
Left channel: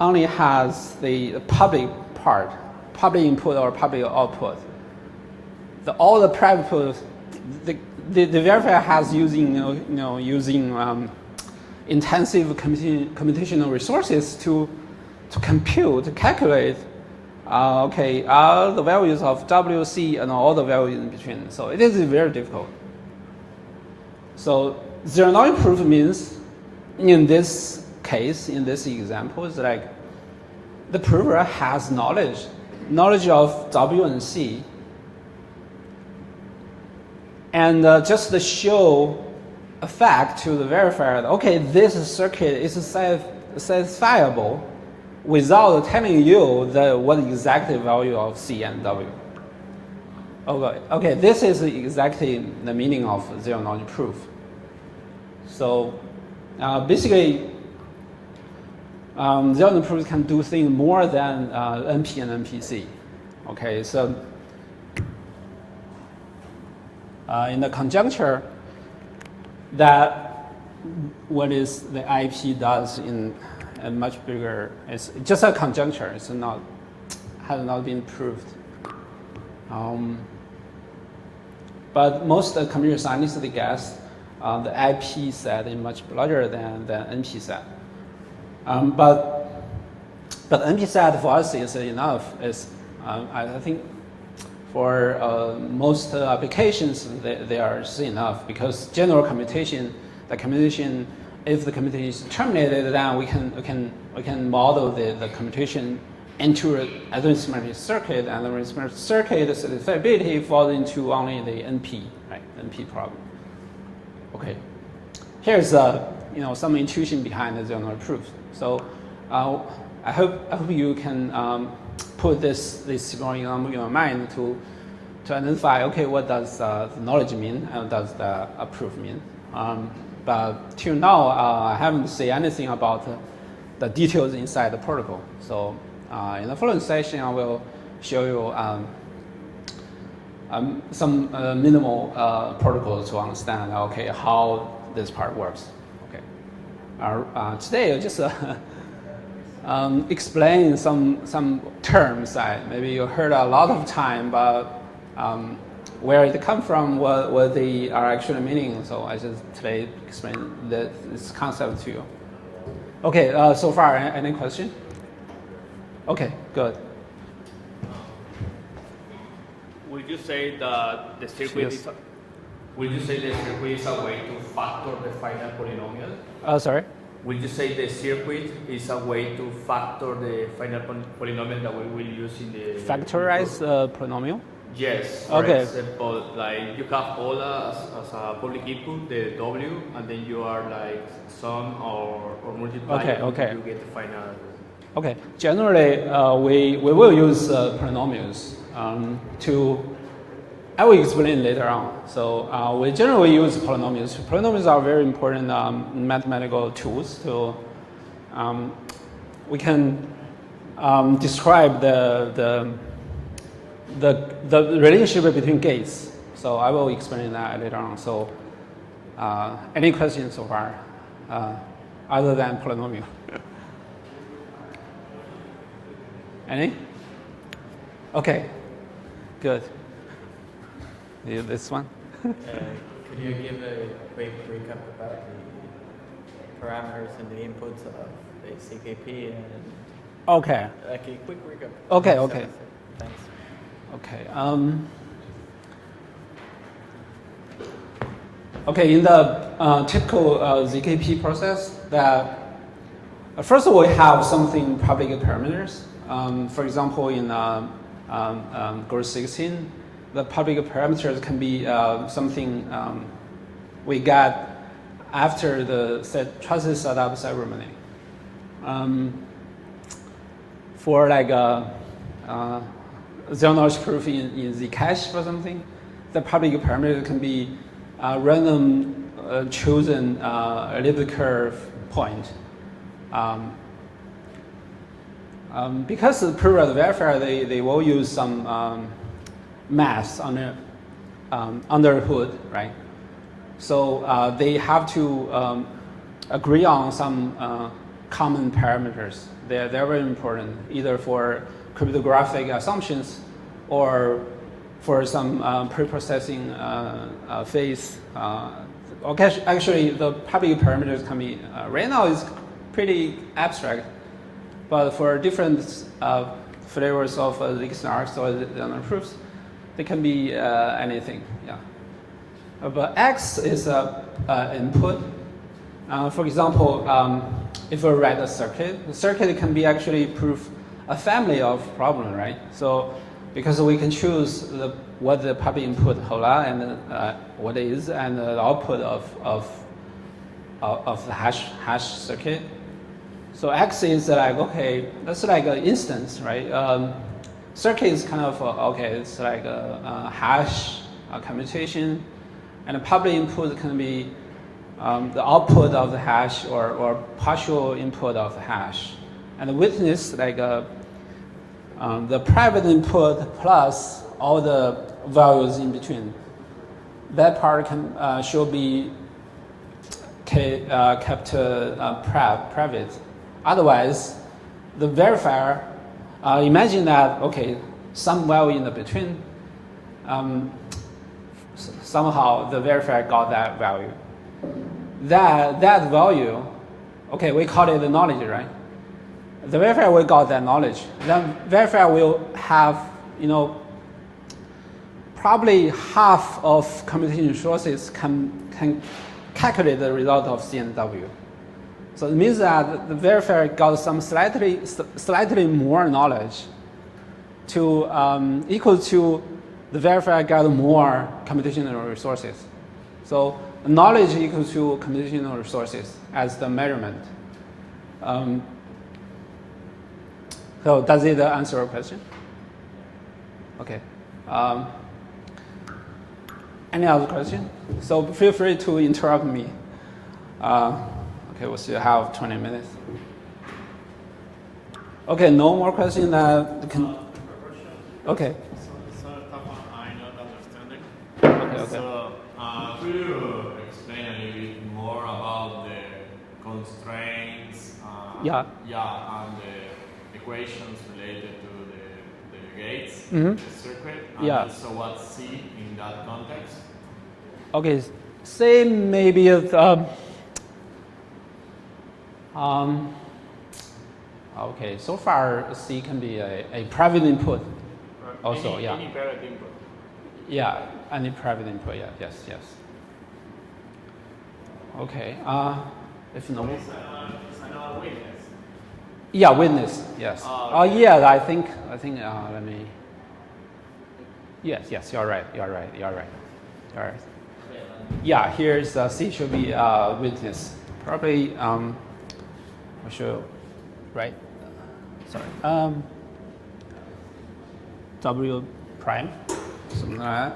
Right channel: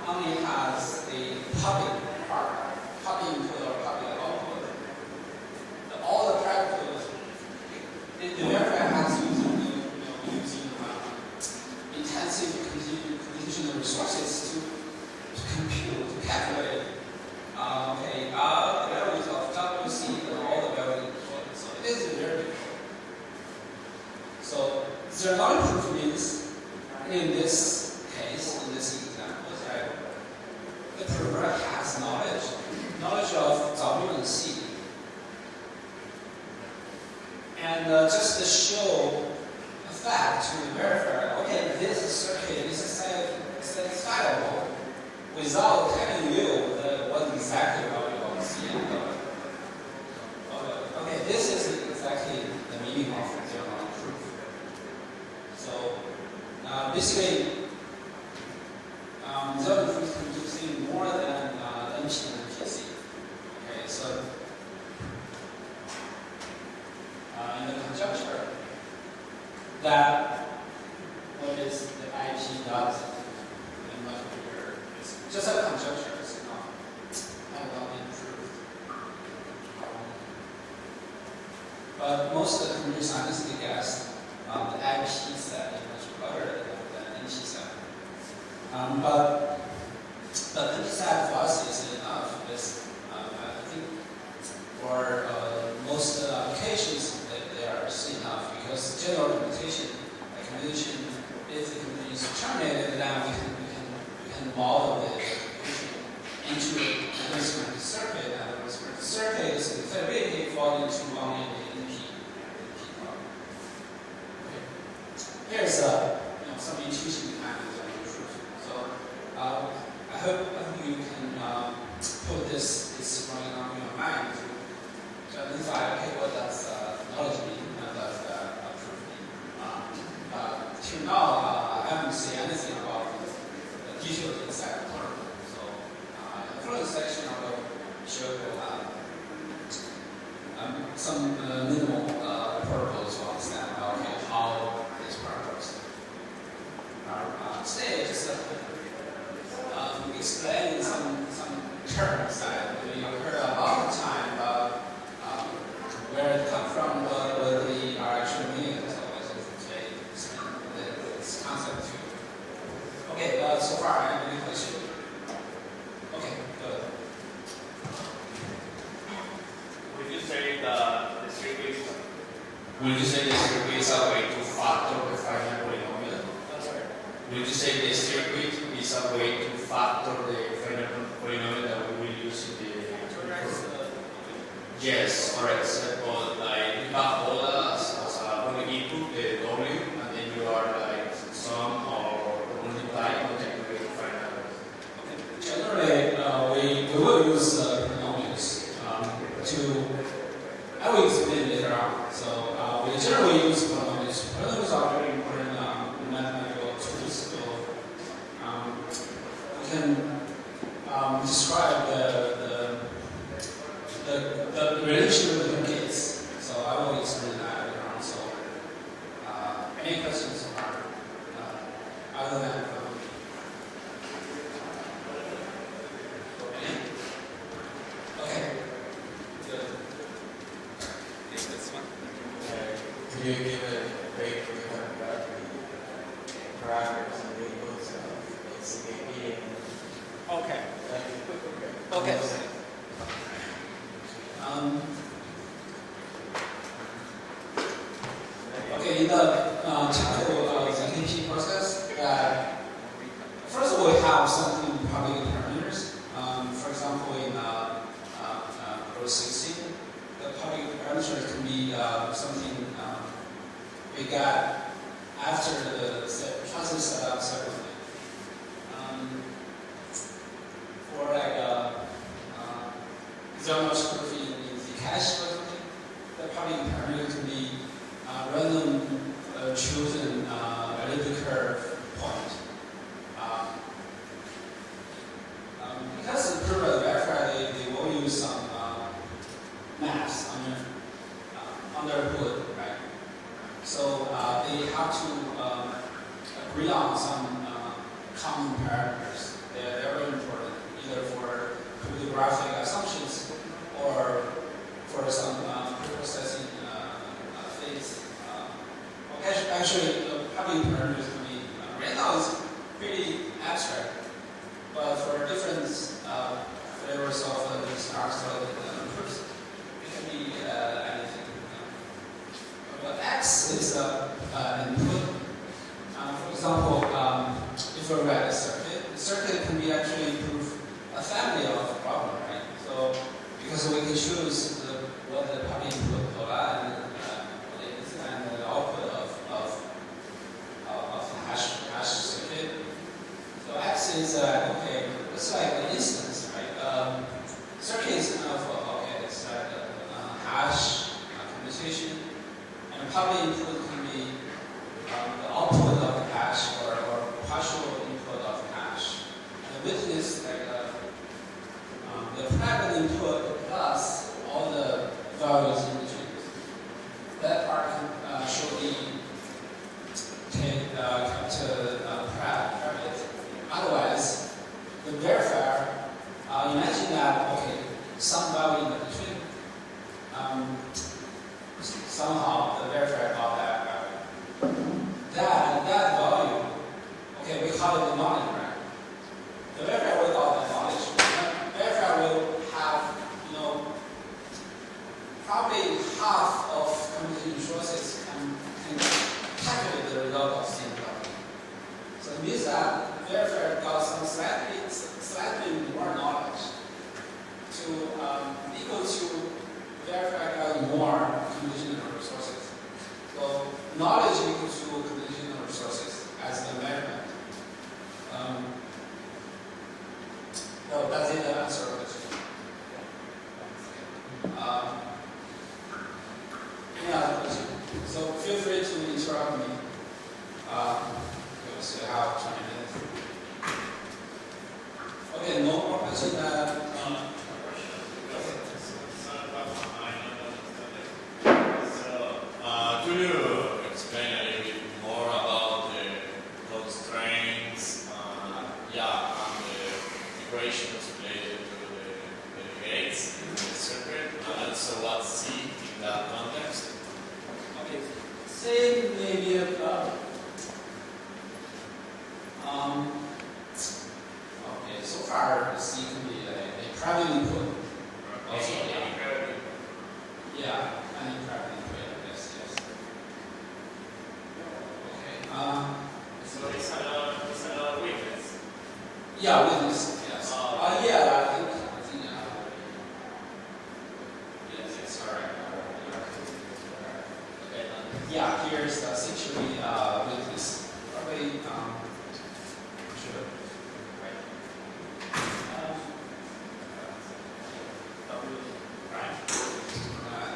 only has the public part, public input or public output. All the private, the verifier has using intensive computational resources to calculate all the values of WC and all the values in between. So it is very difficult. So zero knowledge proof means, in this case, in this example, is like the prover has knowledge of W and C, and just to show a fact to the verifier, okay, this circuit is satisfiable without telling you what exactly value of C and W. Okay, this is exactly the meaning of zero knowledge proof. So basically, zero knowledge proof can do things more than NP and NPC. Okay, so in the conjuncture, that what is the IP does in a much bigger, it's just a conjuncture. It's not, has not been proved. But most computer scientists guess the IP set is much larger than the NP set. But NP set for us is enough. I think for most applications they are enough, because general computation, if the computation is terminated, then we can model the computation into an arithmetic circuit, and the arithmetic circuit satisfiability falls into only the NP, right? NP problem. Okay, here's some intuition behind the zero knowledge proof. So I hope you can put this drawing in your mind to identify, okay, what does knowledge mean and what does a proof mean. But till now, I haven't said anything about the details inside the protocol. So in the following session, I will show you some minimal protocols to understand, okay, how this part works. Okay. Today, I just explain some terms that maybe you heard a lot of time, but where it come from, what they are actually meaning. So I just today explain this concept to you. Okay, so far, any question? Okay, good. Would you say that the circuit? Yes. Would you say the circuit is a way to factor the finite polynomial? Sorry? Would you say the circuit is a way to factor the finite polynomial that we will use in the Factorize the polynomial? Yes. Okay. For example, like you have all as a public input, the W, and then you are like sum or multiplying Okay. to get the finite. Okay. Generally, we will use polynomials I will explain later on. So we generally use polynomials. Polynomials are very important mathematical tools. So we can describe the relationship between gates. So I will explain that later on. So any questions so far other than polynomial? Any? Okay, good. Use this one. Do you need a break for battery parameters and inputs of ZK-SNARK and Okay. like a quick program? Okay. Okay, in the typical ZKP process, that first of all, we have something public parameters. For example, in Group 16, the public parameters can be something we got after the trusted setup ceremony. For like zero knowledge proof in the cache or something, the public parameter can be random chosen little curve point. Because the periodic verifier, they will use some math under the hood, right? So they have to agree on some common parameters. They're very important, either for cryptographic assumptions or for some pre-processing phase. Okay, actually, the public parameters can be, right now it's pretty abstract, but for different flavors of ZK-SNARKs or the proofs, it can be anything. Yeah. But X is an input. For example, if we write a circuit, the circuit can be actually proof a family of problem, right? So because we can choose what the public input hola and what it is, and the output of the hash circuit. So X is like, okay, that's like an instance, right? Circuit is kind of okay, it's like a hash computation, and the public input can be the output of the hash or partial input of the hash, and the witness like the private input plus all the values in between. That part can should be kept private. Otherwise, the verifier, imagine that, okay, some value in the between, somehow the verifier got that value. That value, okay, we call it the knowledge, right? The verifier will got that knowledge. Then verifier will have, probably half of computation resources can calculate the result of CNW. So it means that the verifier got some slightly more knowledge to equal to the verifier got more computational resources. So knowledge equal to computational resources as the measurement. So does it answer your question? Okay. Any other question? So feel free to interrupt me. Okay, we'll still have 20 minutes. Okay, no more questions. Okay. Could you explain a little bit more about the constraints? Yeah. On the equations related to the gates, Mm-hmm. the circuit. Yeah. So what's C in that context? Okay, say maybe okay, so far C can be a private input also, yeah. Yeah, any private input, yeah, yes. Okay, if no. It's another witness. Yeah, witness, yes. Yeah, I think, let me. Yes, you're right. All right. Yeah, here's C should be witness. Probably, I should, right? W prime. Something like that.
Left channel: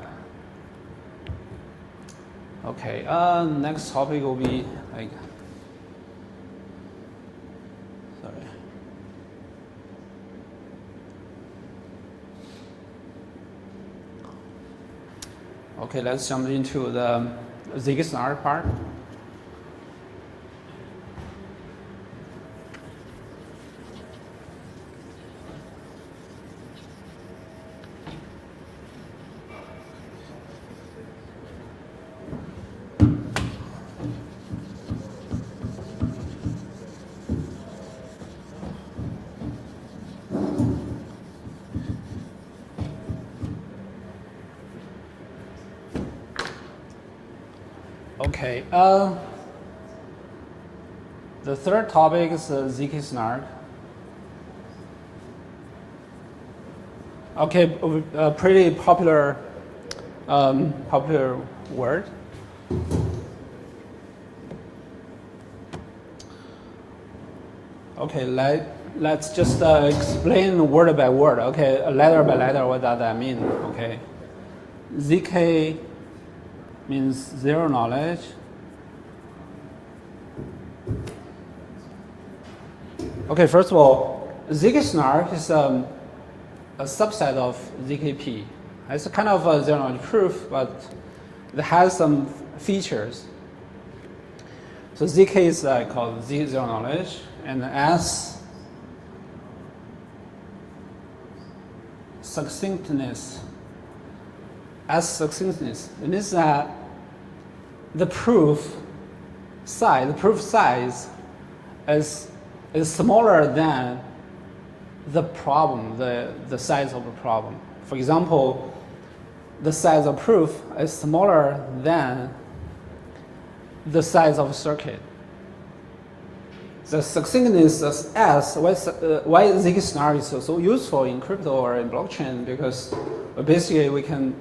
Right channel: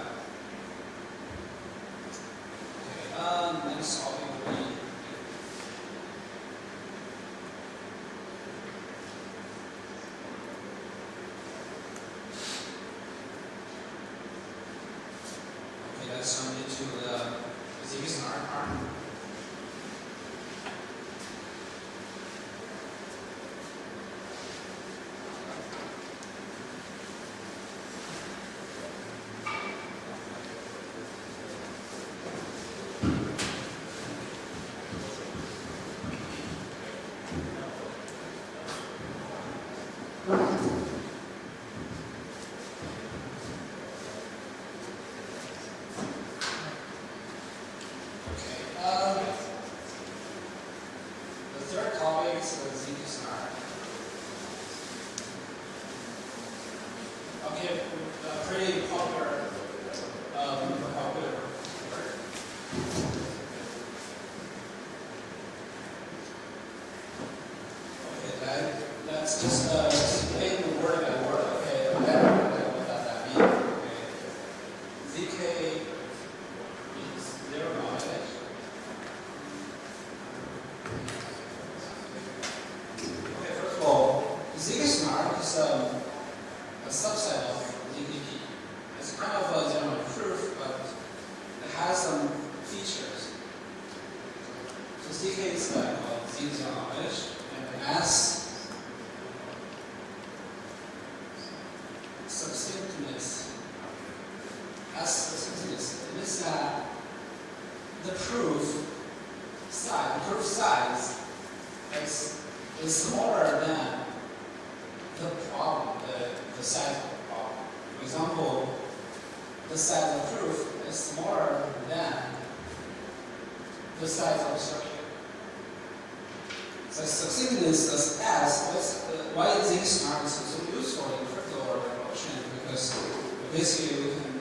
Okay, next topic will be like, okay, let's jump into the ZK-SNARK part. Okay, the third topic is ZK-SNARK. Okay, a pretty popular word. Okay, let's just explain word by word. Okay, letter by letter, what does that mean? Okay, ZK means zero knowledge. Okay, first of all, ZK-SNARK is a subset of ZKP. It's a kind of a zero knowledge proof, but it has some features. So ZK is called Z zero knowledge, and S succinctness. S succinctness. It means that the proof size is smaller than the problem, the size of the problem. For example, the size of proof is smaller than the size of a circuit. The succinctness of S, why ZK-SNARK is so useful in crypto or in blockchain? Because basically we can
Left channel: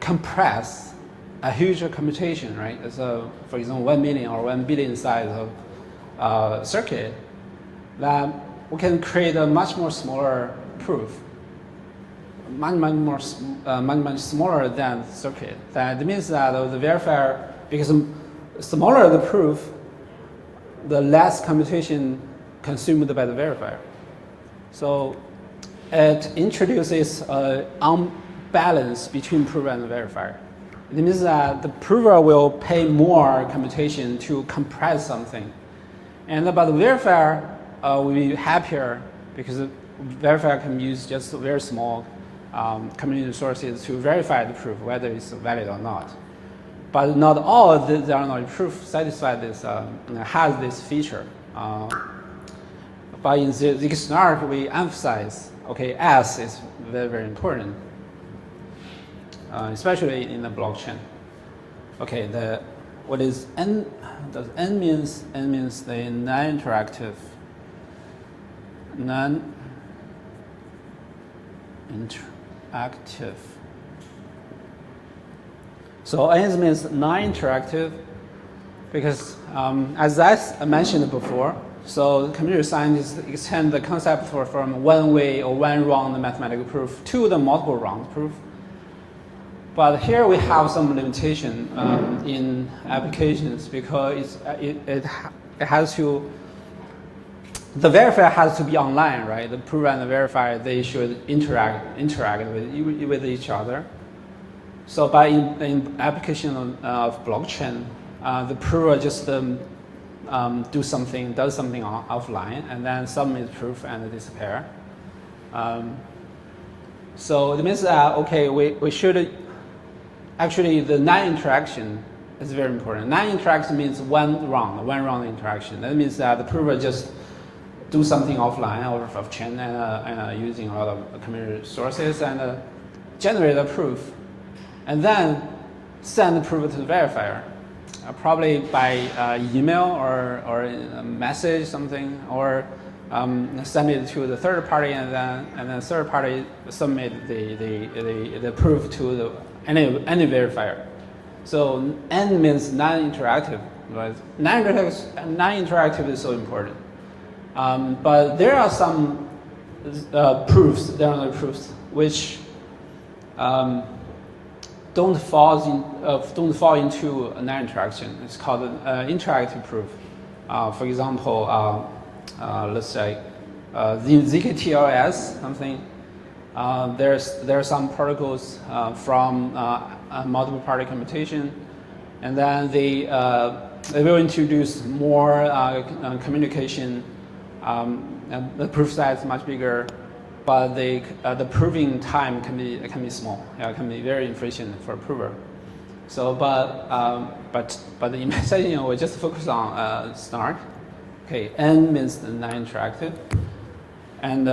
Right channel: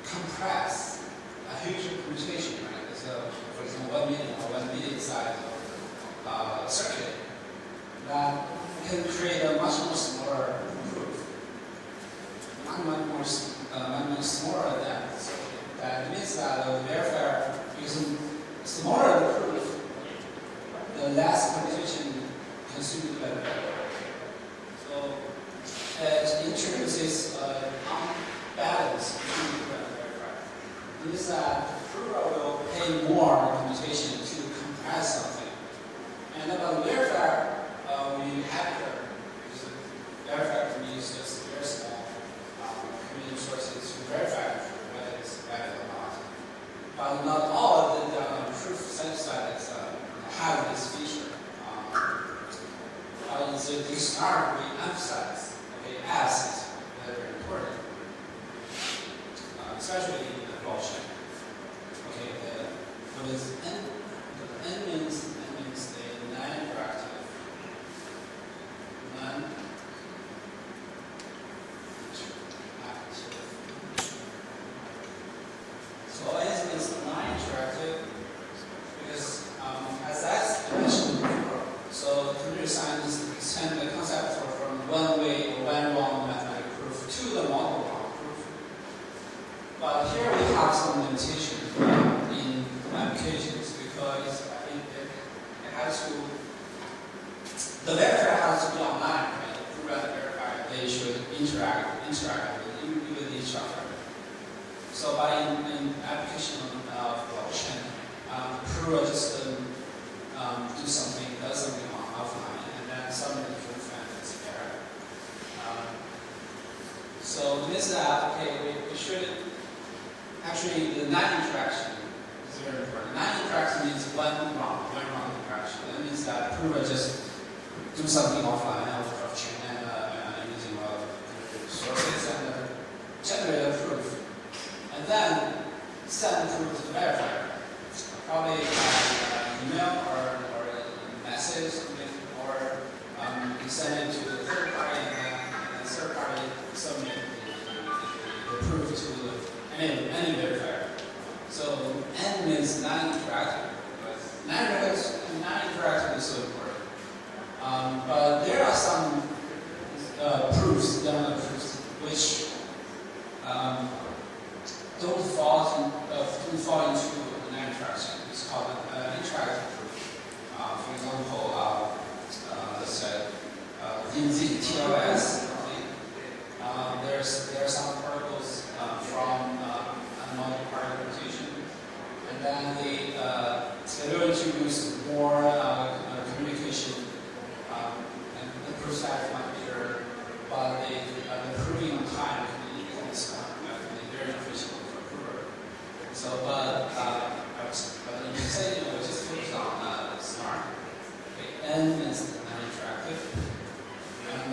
compress a huge computation, right? So, for example, 1 million or 1 billion size of circuit, that we can create a much more smaller proof, much smaller than circuit. That means that the verifier, because smaller the proof, the less computation consumed by the verifier. So it introduces an unbalance between prover and the verifier. It means that the prover will pay more computation to compress something, but the verifier will be happier because the verifier can use just very small computing resources to verify the proof, whether it's valid or not. But not all the zero knowledge proof satisfy this, has this feature. But in ZK-SNARK, we emphasize, okay, S is very, very important, especially in the blockchain. Okay, what is N? The N means the non-interactive. So N means non-interactive because, as I mentioned before, so computer scientists extend the concept from one way or one wrong mathematical proof to the multiple wrong proof. But here we have some limitation in applications because it has to, the verifier has to be online, right? The prover and the verifier, they should interact with each other. So by in application of blockchain, the prover just does something offline and then submit the proof and disappear. So it means that, okay, we should, actually the non-interaction is very important. Non-interaction means one wrong interaction. That means that the prover just do something offline out of blockchain and using a lot of computer resources and generate a proof. And then send the proof to the verifier, probably by email or a message, something, or send it to the third party, and then third party submit the proof to any verifier. So N means non-interactive, right? Non-interactive is so important. But there are some proofs, which don't fall into a non-interaction. It's called interactive proof. For example, let's say the ZK-TLS something. There are some protocols from multiple party computation, and then they will introduce more communication, and the proof size is much bigger. But the proving time can be small. It can be very efficient for a prover. So, but in my session we just focus on SNARK. Okay, N means non-interactive, and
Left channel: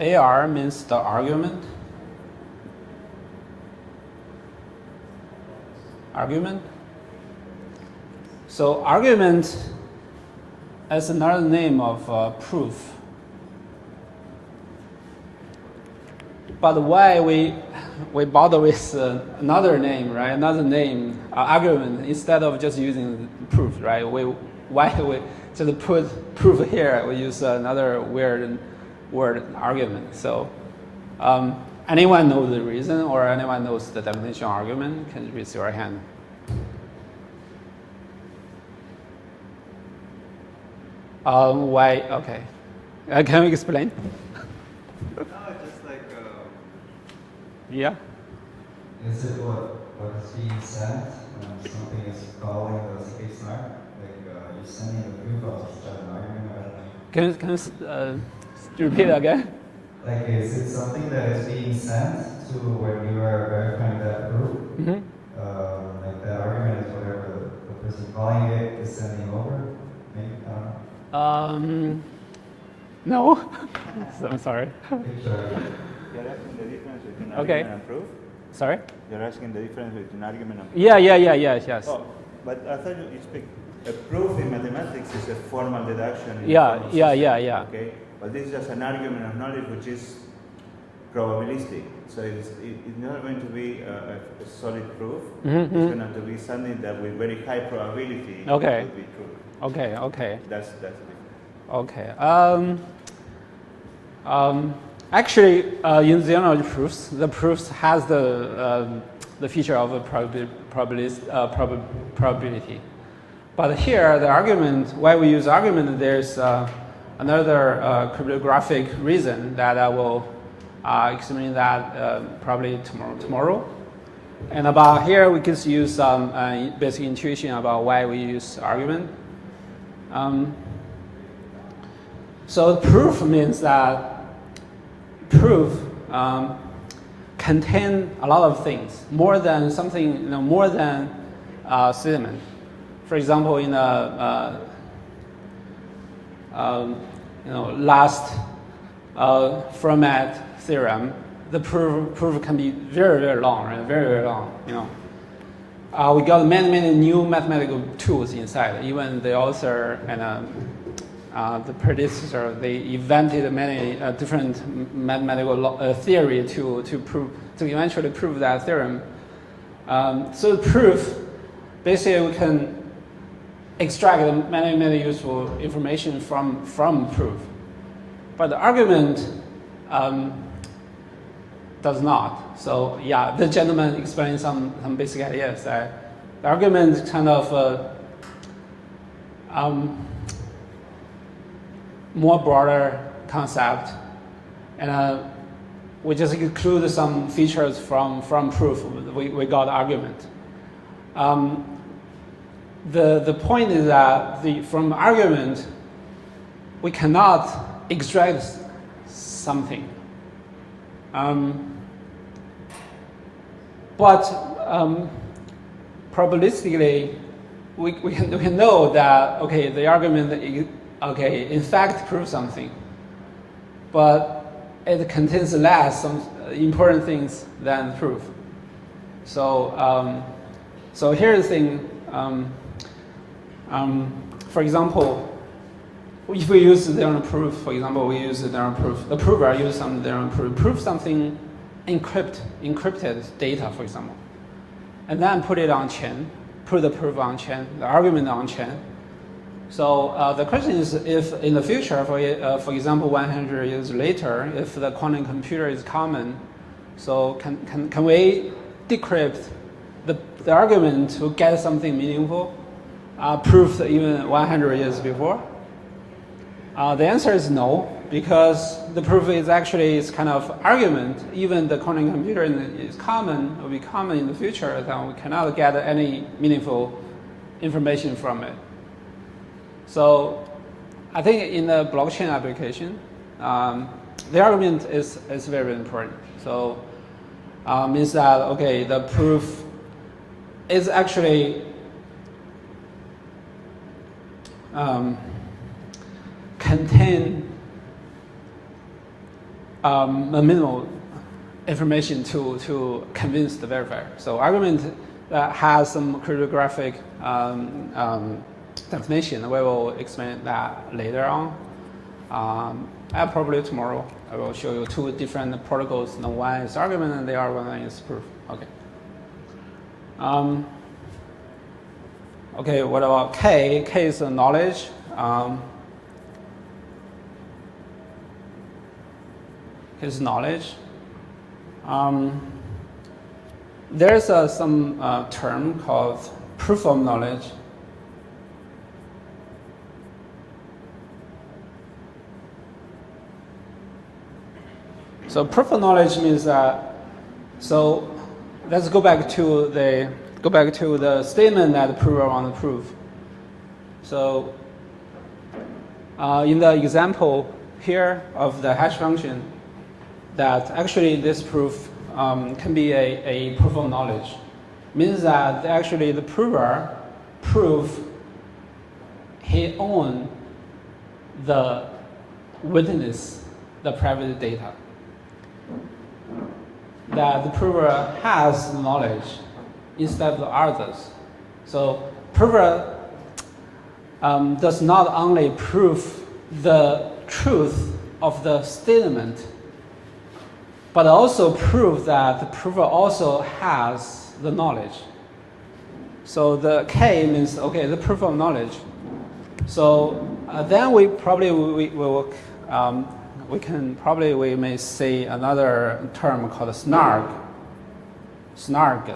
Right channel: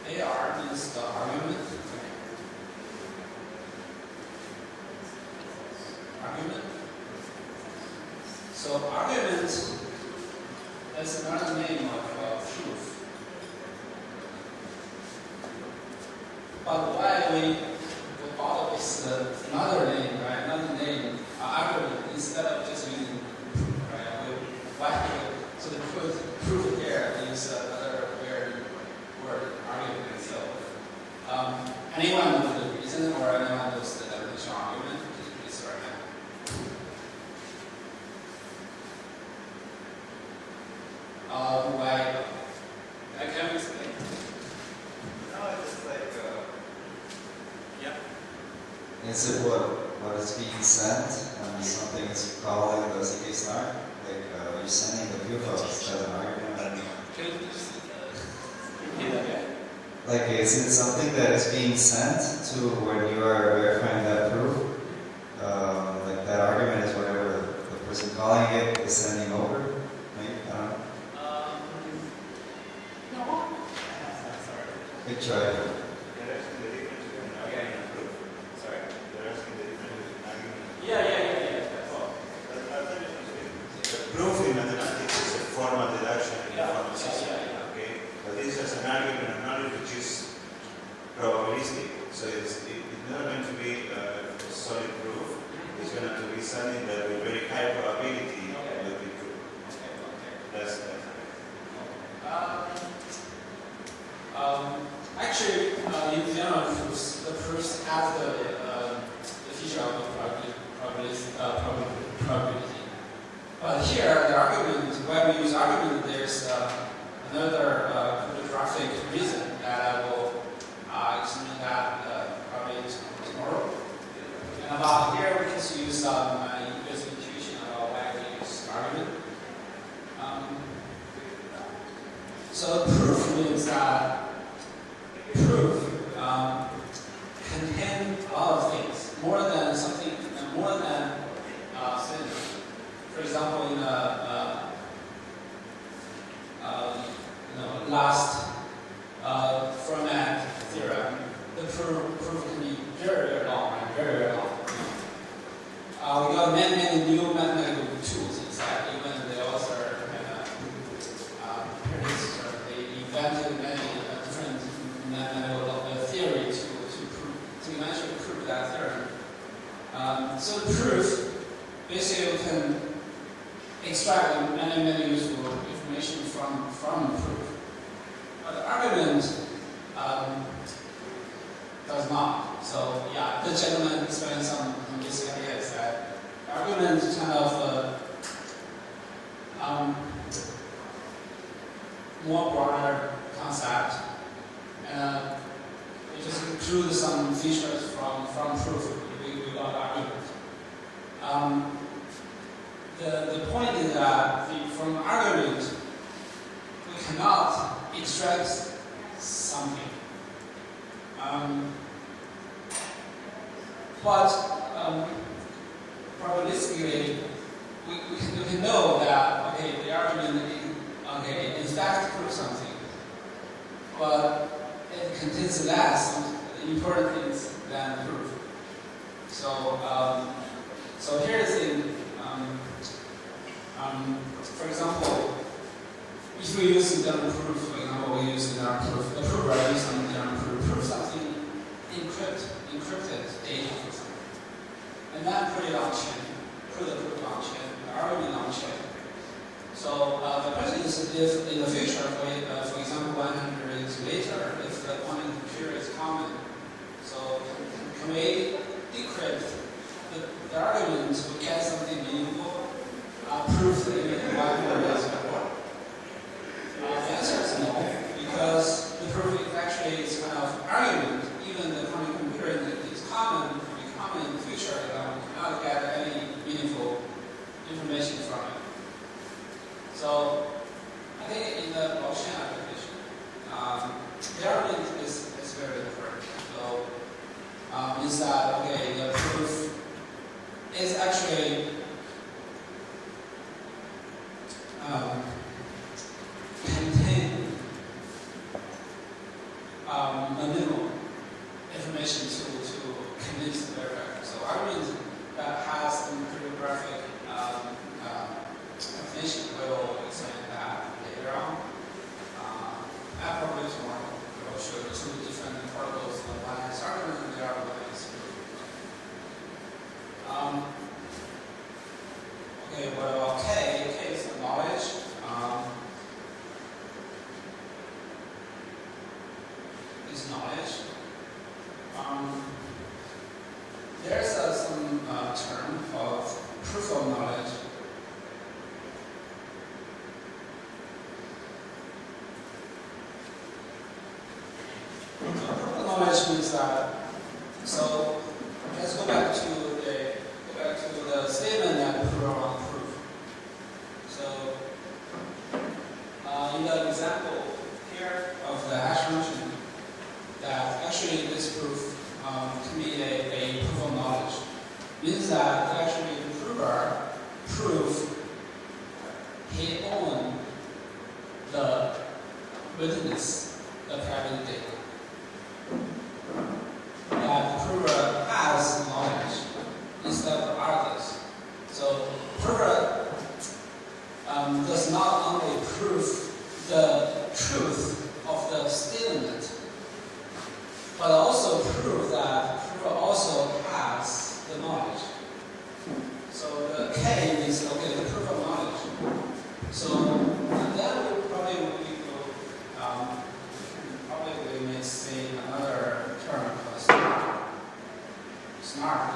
AR means the argument. So argument is another name of proof. But why we bother with another name, right? Another name, argument, instead of just using proof, right? Why we just put proof here? We use another weird word, argument. So anyone knows the reason, or anyone knows the definition of argument, can you raise your hand? Why? Okay. Can you explain? No, it's just like, Yeah. is it what is being sent when something is calling the ZK-SNARK? Like, you're sending the proof of as an argument. Can you repeat again? Like, is it something that is being sent to when you are verifying that proof? Mm-hmm. Like, that argument is whatever the person calling it is sending over? Maybe, I don't know. No. I'm sorry. Good try. Okay. Sorry? You're asking the difference between argument and Yes. but I think the proof in mathematics is a formal deduction. Yeah. Okay, but this is just an argument of knowledge which is probabilistic. So it's not going to be a solid proof. Mm-hmm. It's going to be something that with very high probability Okay. will be proved. Okay. That's Okay. Actually, in general proofs, the proofs has the feature of a probability. But here, the argument, why we use argument, there's another cryptographic reason that I will explain that probably tomorrow. And about here, we can use some basic intuition about why we use argument. So proof means that proof contain a lot of things, more than something, more than statement. For example, in the last format theorem, the proof can be very long and very long. We got many new mathematical tools inside. Even the author and the predecessor, they invented many different mathematical theory to eventually prove that theorem. So proof, basically we can extract many useful information from proof. But the argument does not. So yeah, the gentleman explained some basic ideas. The argument kind of more broader concept, and we just include some features from proof. We got argument. The point is that from argument we cannot extract something, but probabilistically we can know that the argument in fact proves something, but it contains less some important things than proof. So here's the thing. For example, if we use the theorem proof, for example, we use the theorem proof. The prover uses some theorem proof. Prove something encrypted data, for example, and then put it on chain. Put the proof on chain, the argument on chain. So the question is, if in the future, for example, 100 years later, if the quantum computer is common, so can we decrypt the argument to get something meaningful, proved even 100 years before? The answer is no, because the proof is actually kind of argument. Even the quantum computer is common, will be common in the future, then we cannot get any meaningful information from it. So I think in the blockchain application, the argument is very, very important. So means that, the proof is actually contain minimal information to convince the verifier. So argument that has some cryptographic definition. We will explain that later on. Probably tomorrow I will show you two different protocols. One is argument and the other one is proof. Okay, what about K? K is knowledge. Is knowledge. there's some term called proof of knowledge. So proof of knowledge means that. So let's go back to the statement that the prover wants to prove. So in the example here of the hash function, that actually this proof can be a proof of knowledge. Means that actually the prover proves he owns the witness, the private data. That the prover has knowledge instead of others. So prover does not only prove the truth of the statement, but also prove that the prover also has the knowledge. So the K means, okay, the proof of knowledge. So then we may say another term called SNARK. SNARK.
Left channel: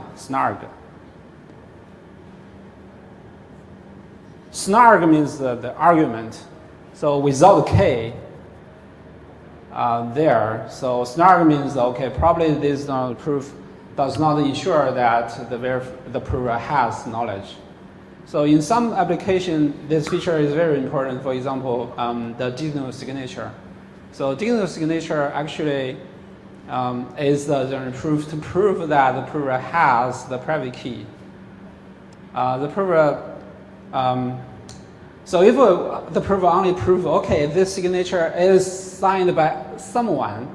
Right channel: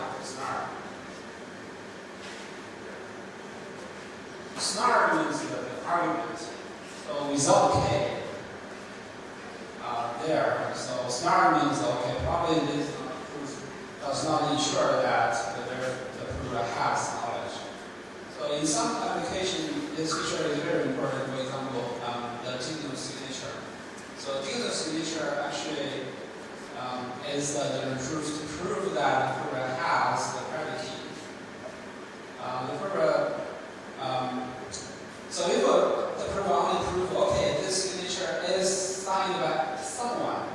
SNARK means the argument. So without K there. So SNARK means, okay, probably this proof does not ensure that the prover has knowledge. So in some application, this feature is very important. For example, the digital signature. So digital signature actually is the proof to prove that the prover has the private key. The prover, so if the prover only proves, okay, this signature is signed by someone,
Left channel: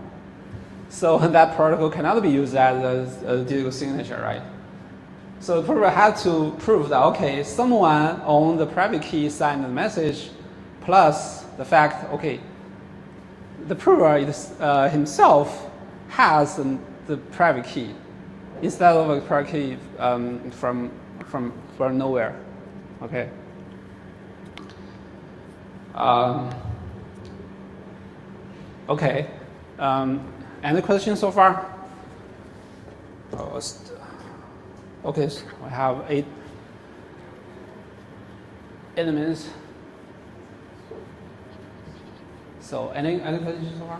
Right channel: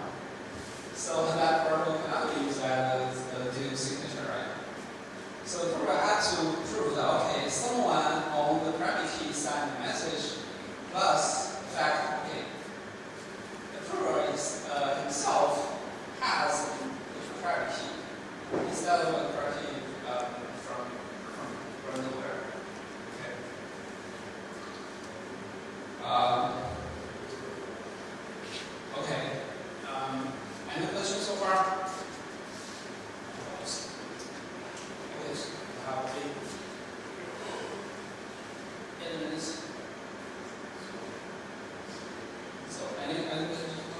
so that protocol cannot be used as a digital signature, right? So the prover had to prove that, okay, someone owned the private key, signed the message, plus the fact, okay, the prover himself has the private key instead of a private key from nowhere. Okay. Okay. Any questions so far? Okay, so I have 8 minutes. So any questions so far?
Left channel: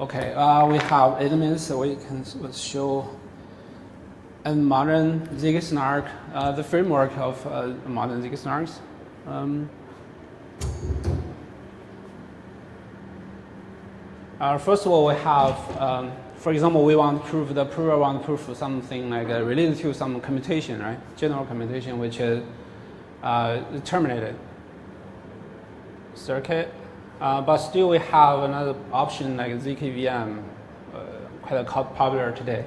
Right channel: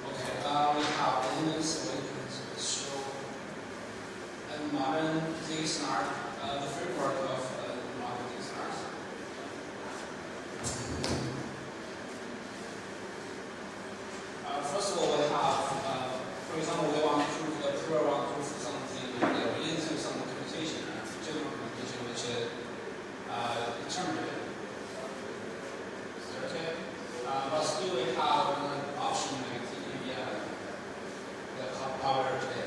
Okay, we have 8 minutes, so we can show a modern ZK-SNARK, the framework of modern ZK-SNARKs. First of all, we have, for example, we want to prove, the prover wants to prove something like related to some commutation, right? General commutation, which is terminated circuit. But still we have another option like ZK-VM, quite popular today.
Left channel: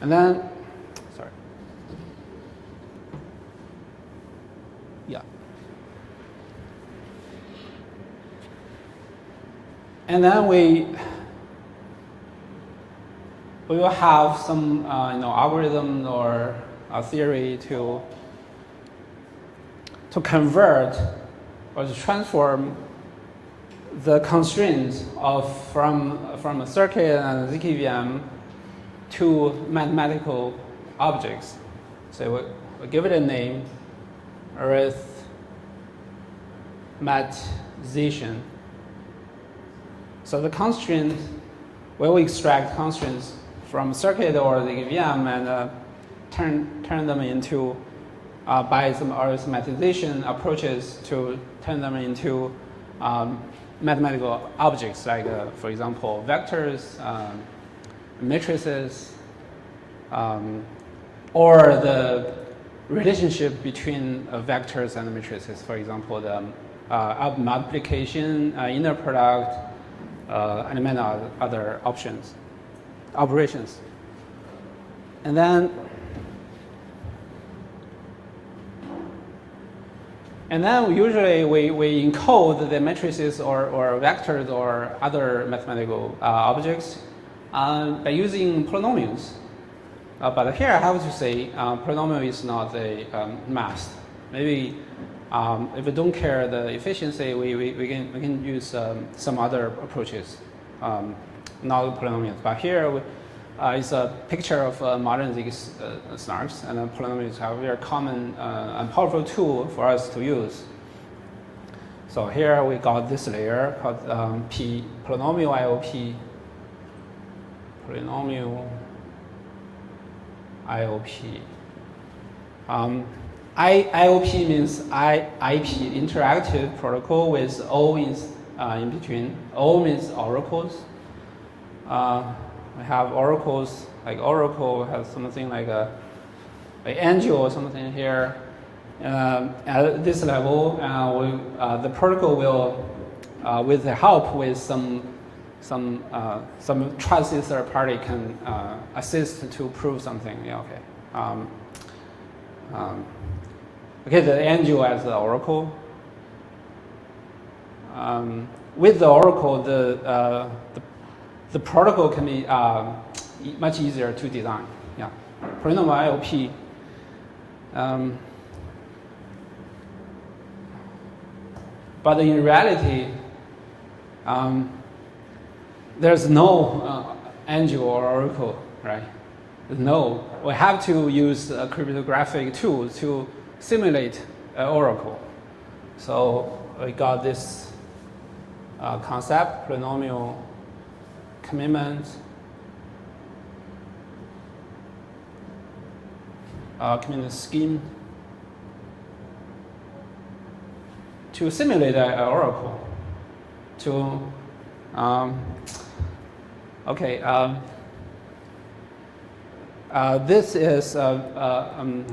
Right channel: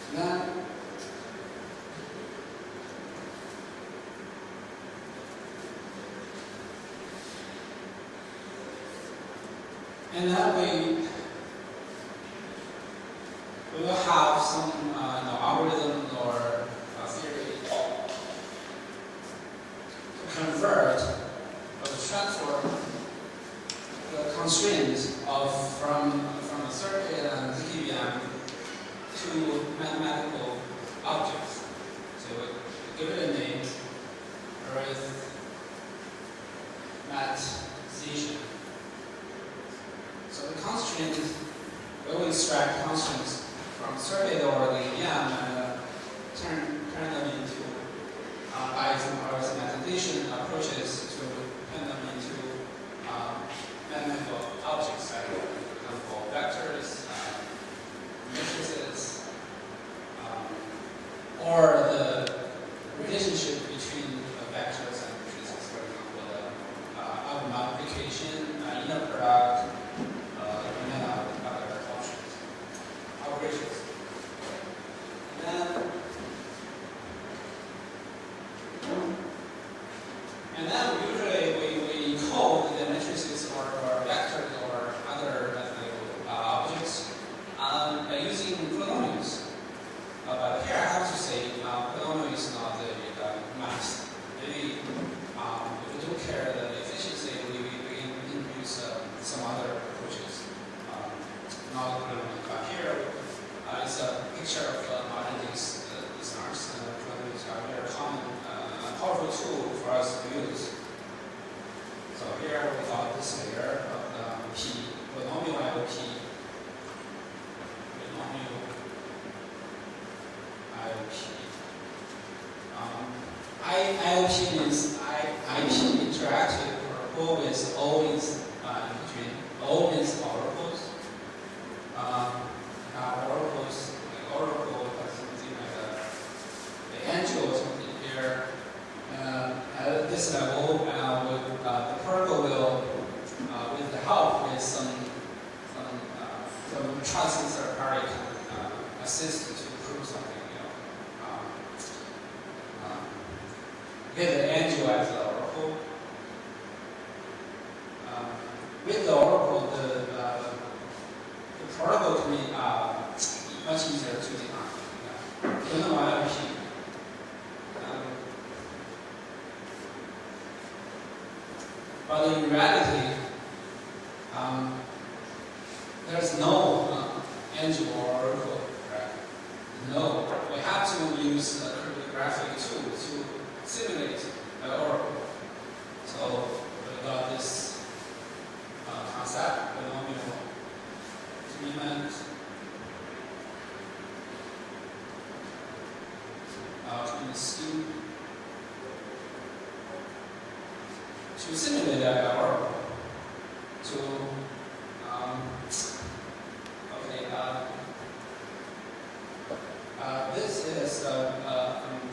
And then, and then we will have some algorithm or a theory to convert or to transform the constraints from a circuit and ZK-VM to mathematical objects. So we give it a name, arithmetization. So the constraints, we will extract constraints from circuit or ZK-VM and turn them into, by some arithmetization approaches, to turn them into mathematical objects like, for example, vectors, matrices, or the relationship between vectors and matrices. For example, the multiplication, inner product, and many other operations. And then usually we encode the matrices or vectors or other mathematical objects by using polynomials. But here I have to say polynomial is not a math. Maybe If we don't care the efficiency, we can use some other approaches, not polynomials. But here is a picture of modern ZK-SNARKs, and polynomials are a very common and powerful tool for us to use. So here we got this layer called polynomial IOP. Polynomial IOP. IOP means IP, interactive protocol with O in between. O means oracles. We have oracles, like Oracle has something like an angel or something here. At this level, the protocol will, with the help with some trusted third party, can assist to prove something. Yeah, okay. Okay, the angel as the oracle. With the oracle, the protocol can be much easier to design. Yeah, polynomial IOP. But in reality, there's no angel or oracle, right? No, we have to use a cryptographic tool to simulate an oracle. So we got this concept, polynomial commitment, commitment scheme to simulate an oracle.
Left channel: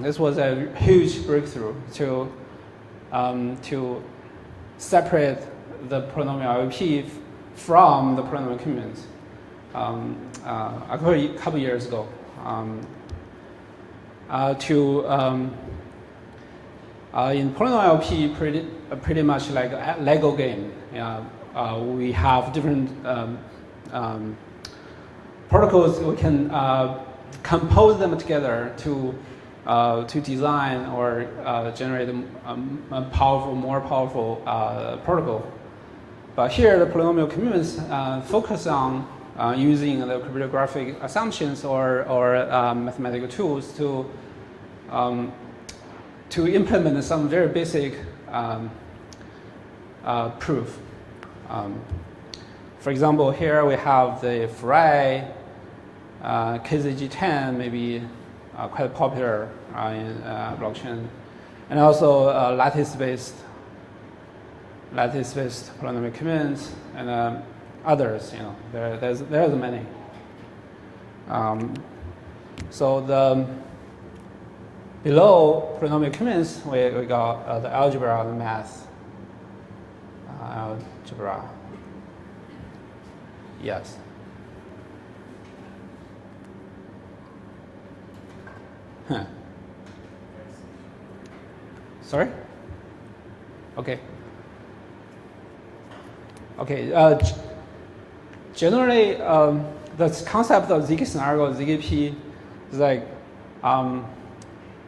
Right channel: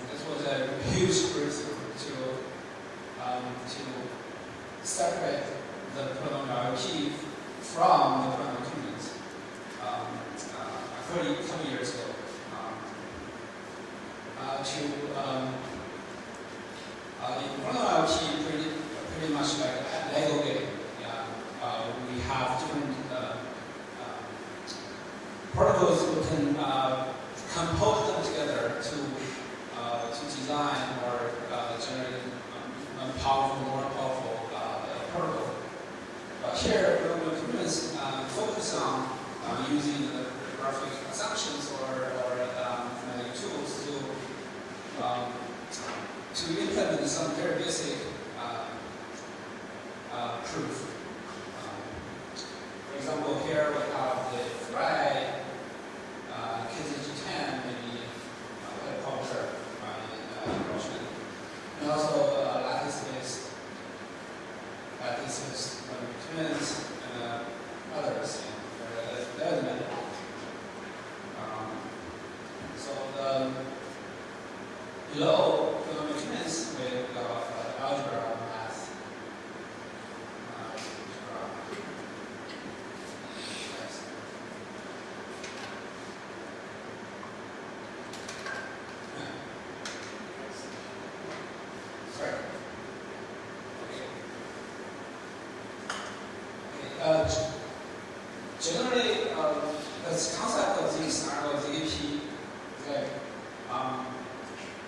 This was a huge breakthrough to separate the polynomial IOP from the polynomial commitments. A couple years ago, in polynomial IOP, pretty much like a Lego game. We have different protocols. We can compose them together to design or generate a more powerful protocol. But here, the polynomial commitments focus on using the cryptographic assumptions or mathematical tools to implement some very basic proof. For example, here we have the Frey KZG10, maybe quite popular in blockchain, and also lattice-based polynomial commitments and others. There's many. So below polynomial commitments, we got the algebra and math. Algebra. Yes. Sorry? Okay. Okay. Generally, the concept of ZK-SNARK or ZKP is like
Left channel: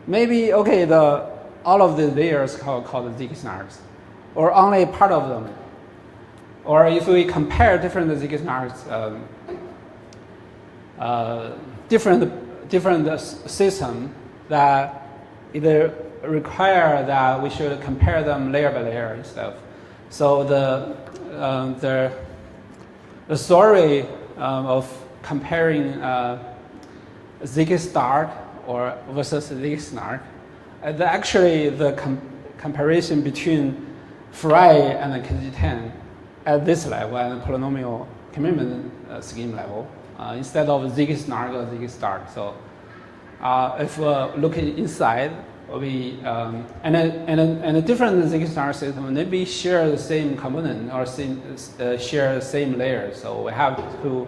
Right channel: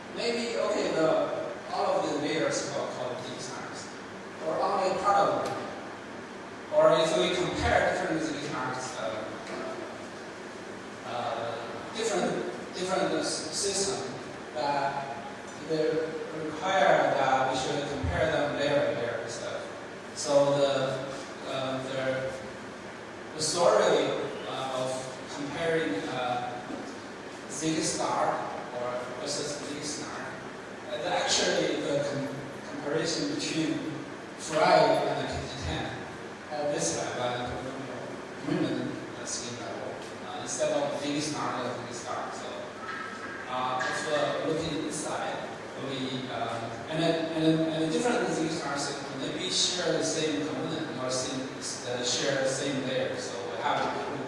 maybe all of the layers called ZK-SNARKs, or only part of them. Or if we compare different ZK-SNARKs, different system that either require that we should compare them layer by layer. So the story of comparing ZK-SNARK or versus ZK-SNARK, actually the comparison between Frey and the KZG10 at this level and polynomial commitment scheme level instead of ZK-SNARK or ZK-SNARK. So if we're looking inside, we and a different ZK-SNARK system maybe share the same component or share the same layer. So we have to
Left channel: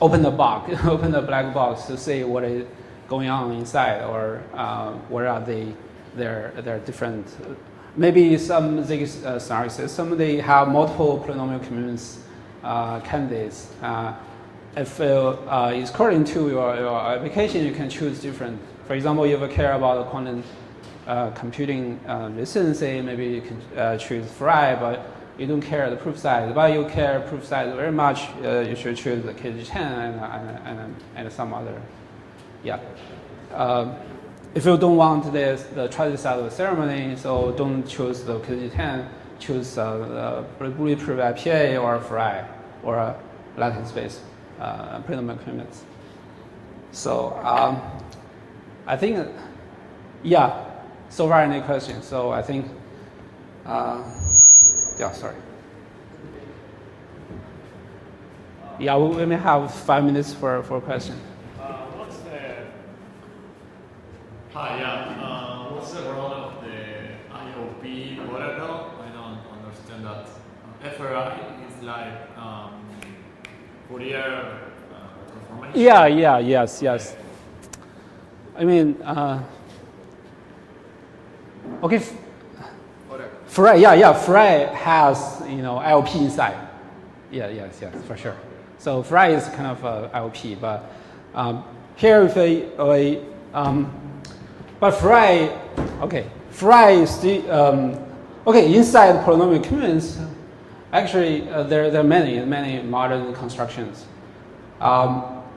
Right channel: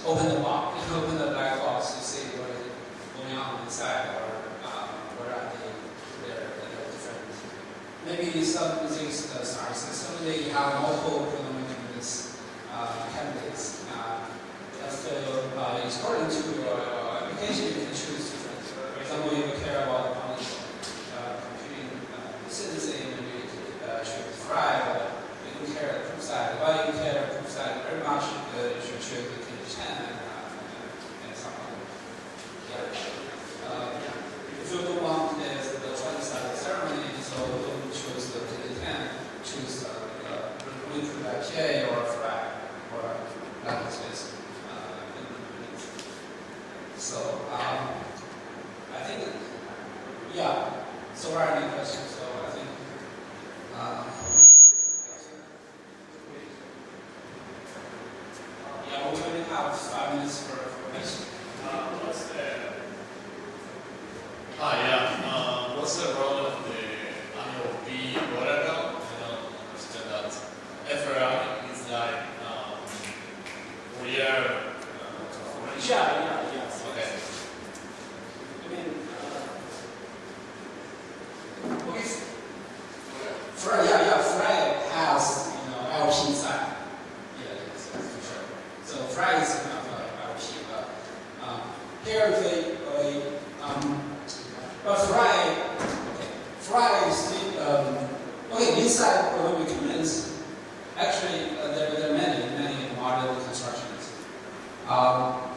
open the box, open the black box to see what is going on inside, or what are their different. Maybe some ZK-SNARK systems they have multiple polynomial commitments candidates. If according to your application, you can choose different. For example, if you care about quantum computing license, maybe you can choose Fry, but you don't care the proof size. But you care proof size very much, you should choose the KG10 and some other. Yeah. If you don't want this, the transit ceremony, so don't choose the KG10, choose bulletproof IPA or Fry or a license space payment permits. So I think, yeah, so far any questions? So I think, yeah, sorry. Yeah, we may have 5 minutes for questions. What's the role of the IOP wearable? I don't understand that. FRI is like Fourier transformation. Yes. I mean, okay. Fry has IOP inside. Yeah, for sure. So Fry is kind of a IOP, but here but Fry, inside polynomial cumulants, actually there are many modern constructions.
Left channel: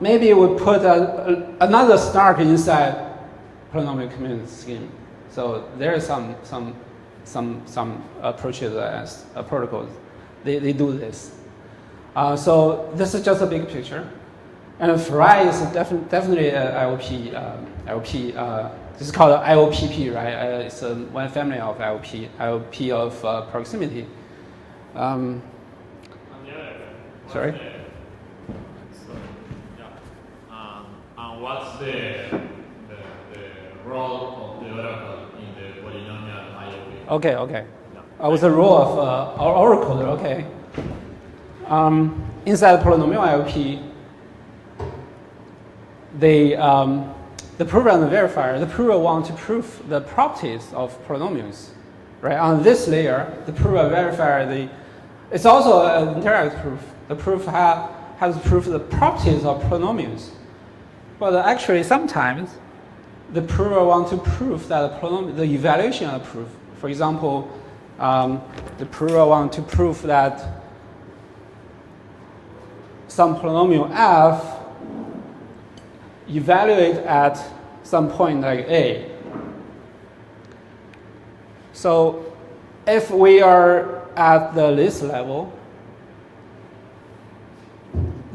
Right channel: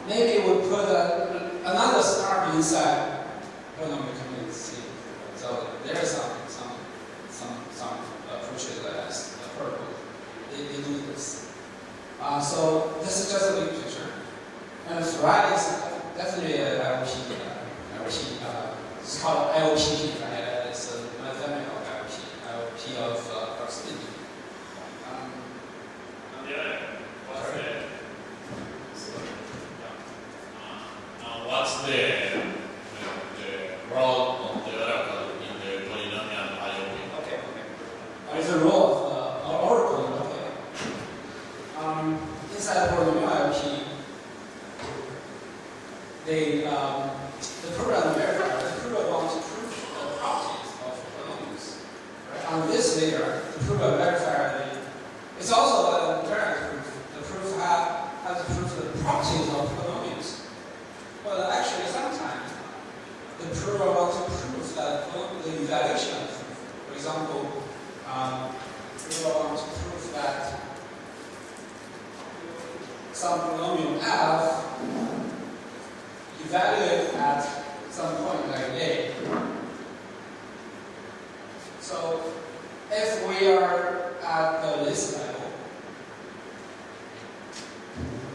Maybe we put another SNARK inside polynomial cumulative scheme. So there are some approaches as a protocol. They do this. So this is just a big picture. And Fry is definitely an IOP. This is called IOPP, right? It's one family of IOP, IOP of proximity. Sorry? What's the role of the variable in the polynomial IOP? Okay. With the role of Oracle, okay. Inside polynomial IOP, the prover and the verifier, the prover wants to prove the properties of polynomials, right? On this layer, the prover and verifier, it's also an indirect proof. The proof has to prove the properties of polynomials. But actually, sometimes the prover wants to prove that the evaluation of the proof. For example, the prover wants to prove that some polynomial f evaluate at some point like A. So if we are at the list level,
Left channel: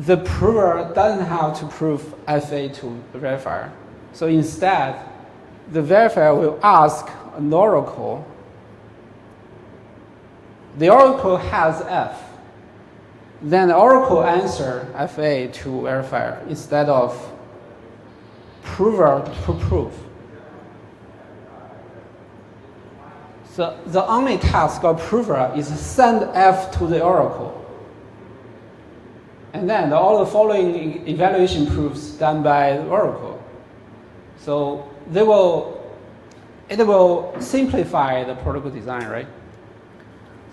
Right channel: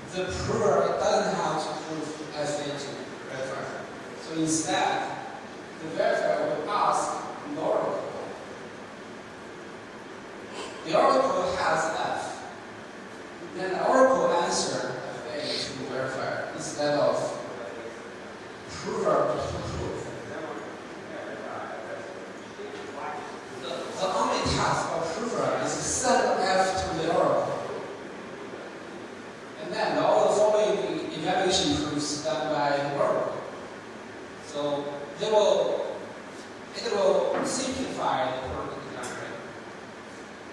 the prover doesn't have to prove SA to the verifier. So instead, the verifier will ask an oracle. The oracle has F. Then the oracle answer FA to verifier instead of prover to prove. The only task of prover is send F to the oracle. And then all the following evaluation proofs done by the oracle. So it will simplify the protocol design, right?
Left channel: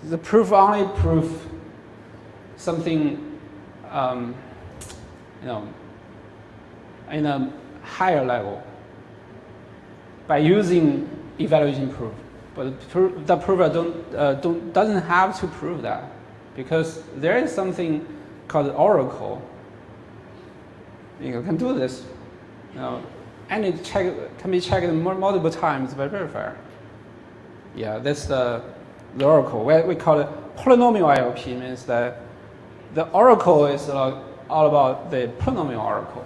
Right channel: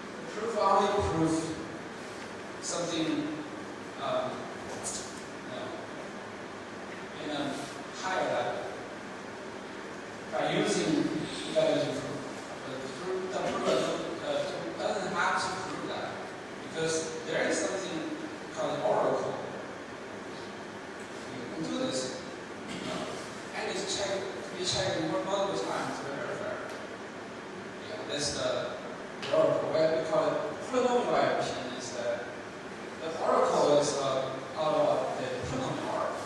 The proof only proves something, in a higher level by using evaluation proof. But the prover doesn't have to prove that because there is something called oracle. You can do this, and it can be checked multiple times by verifier. Yeah, that's the oracle. We call it polynomial IOP. Means that the oracle is all about the polynomial oracle.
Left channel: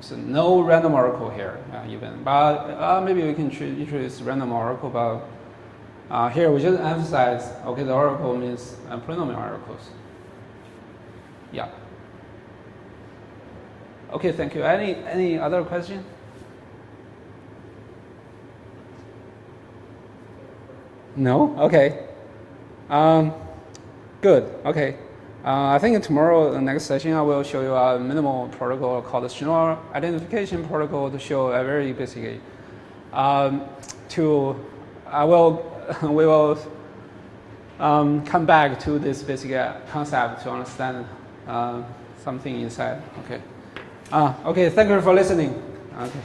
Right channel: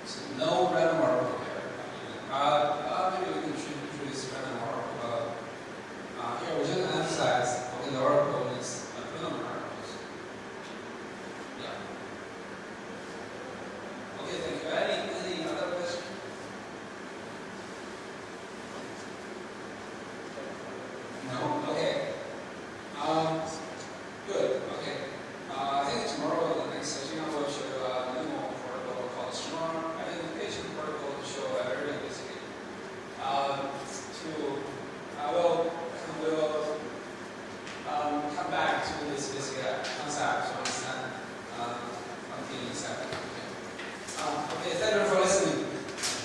So no random oracle here even. But maybe we can introduce random oracle. But here we just emphasize the oracle means polynomial oracles. Yeah. Okay, thank you. Any other question? No? Okay. Good. Okay. I think tomorrow, the next session, I will show you a minimal protocol called the Schnorr identification protocol to show a very basic. We will come back to this basic concept to understand something inside. Okay. Okay. Thank you for listening. Okay.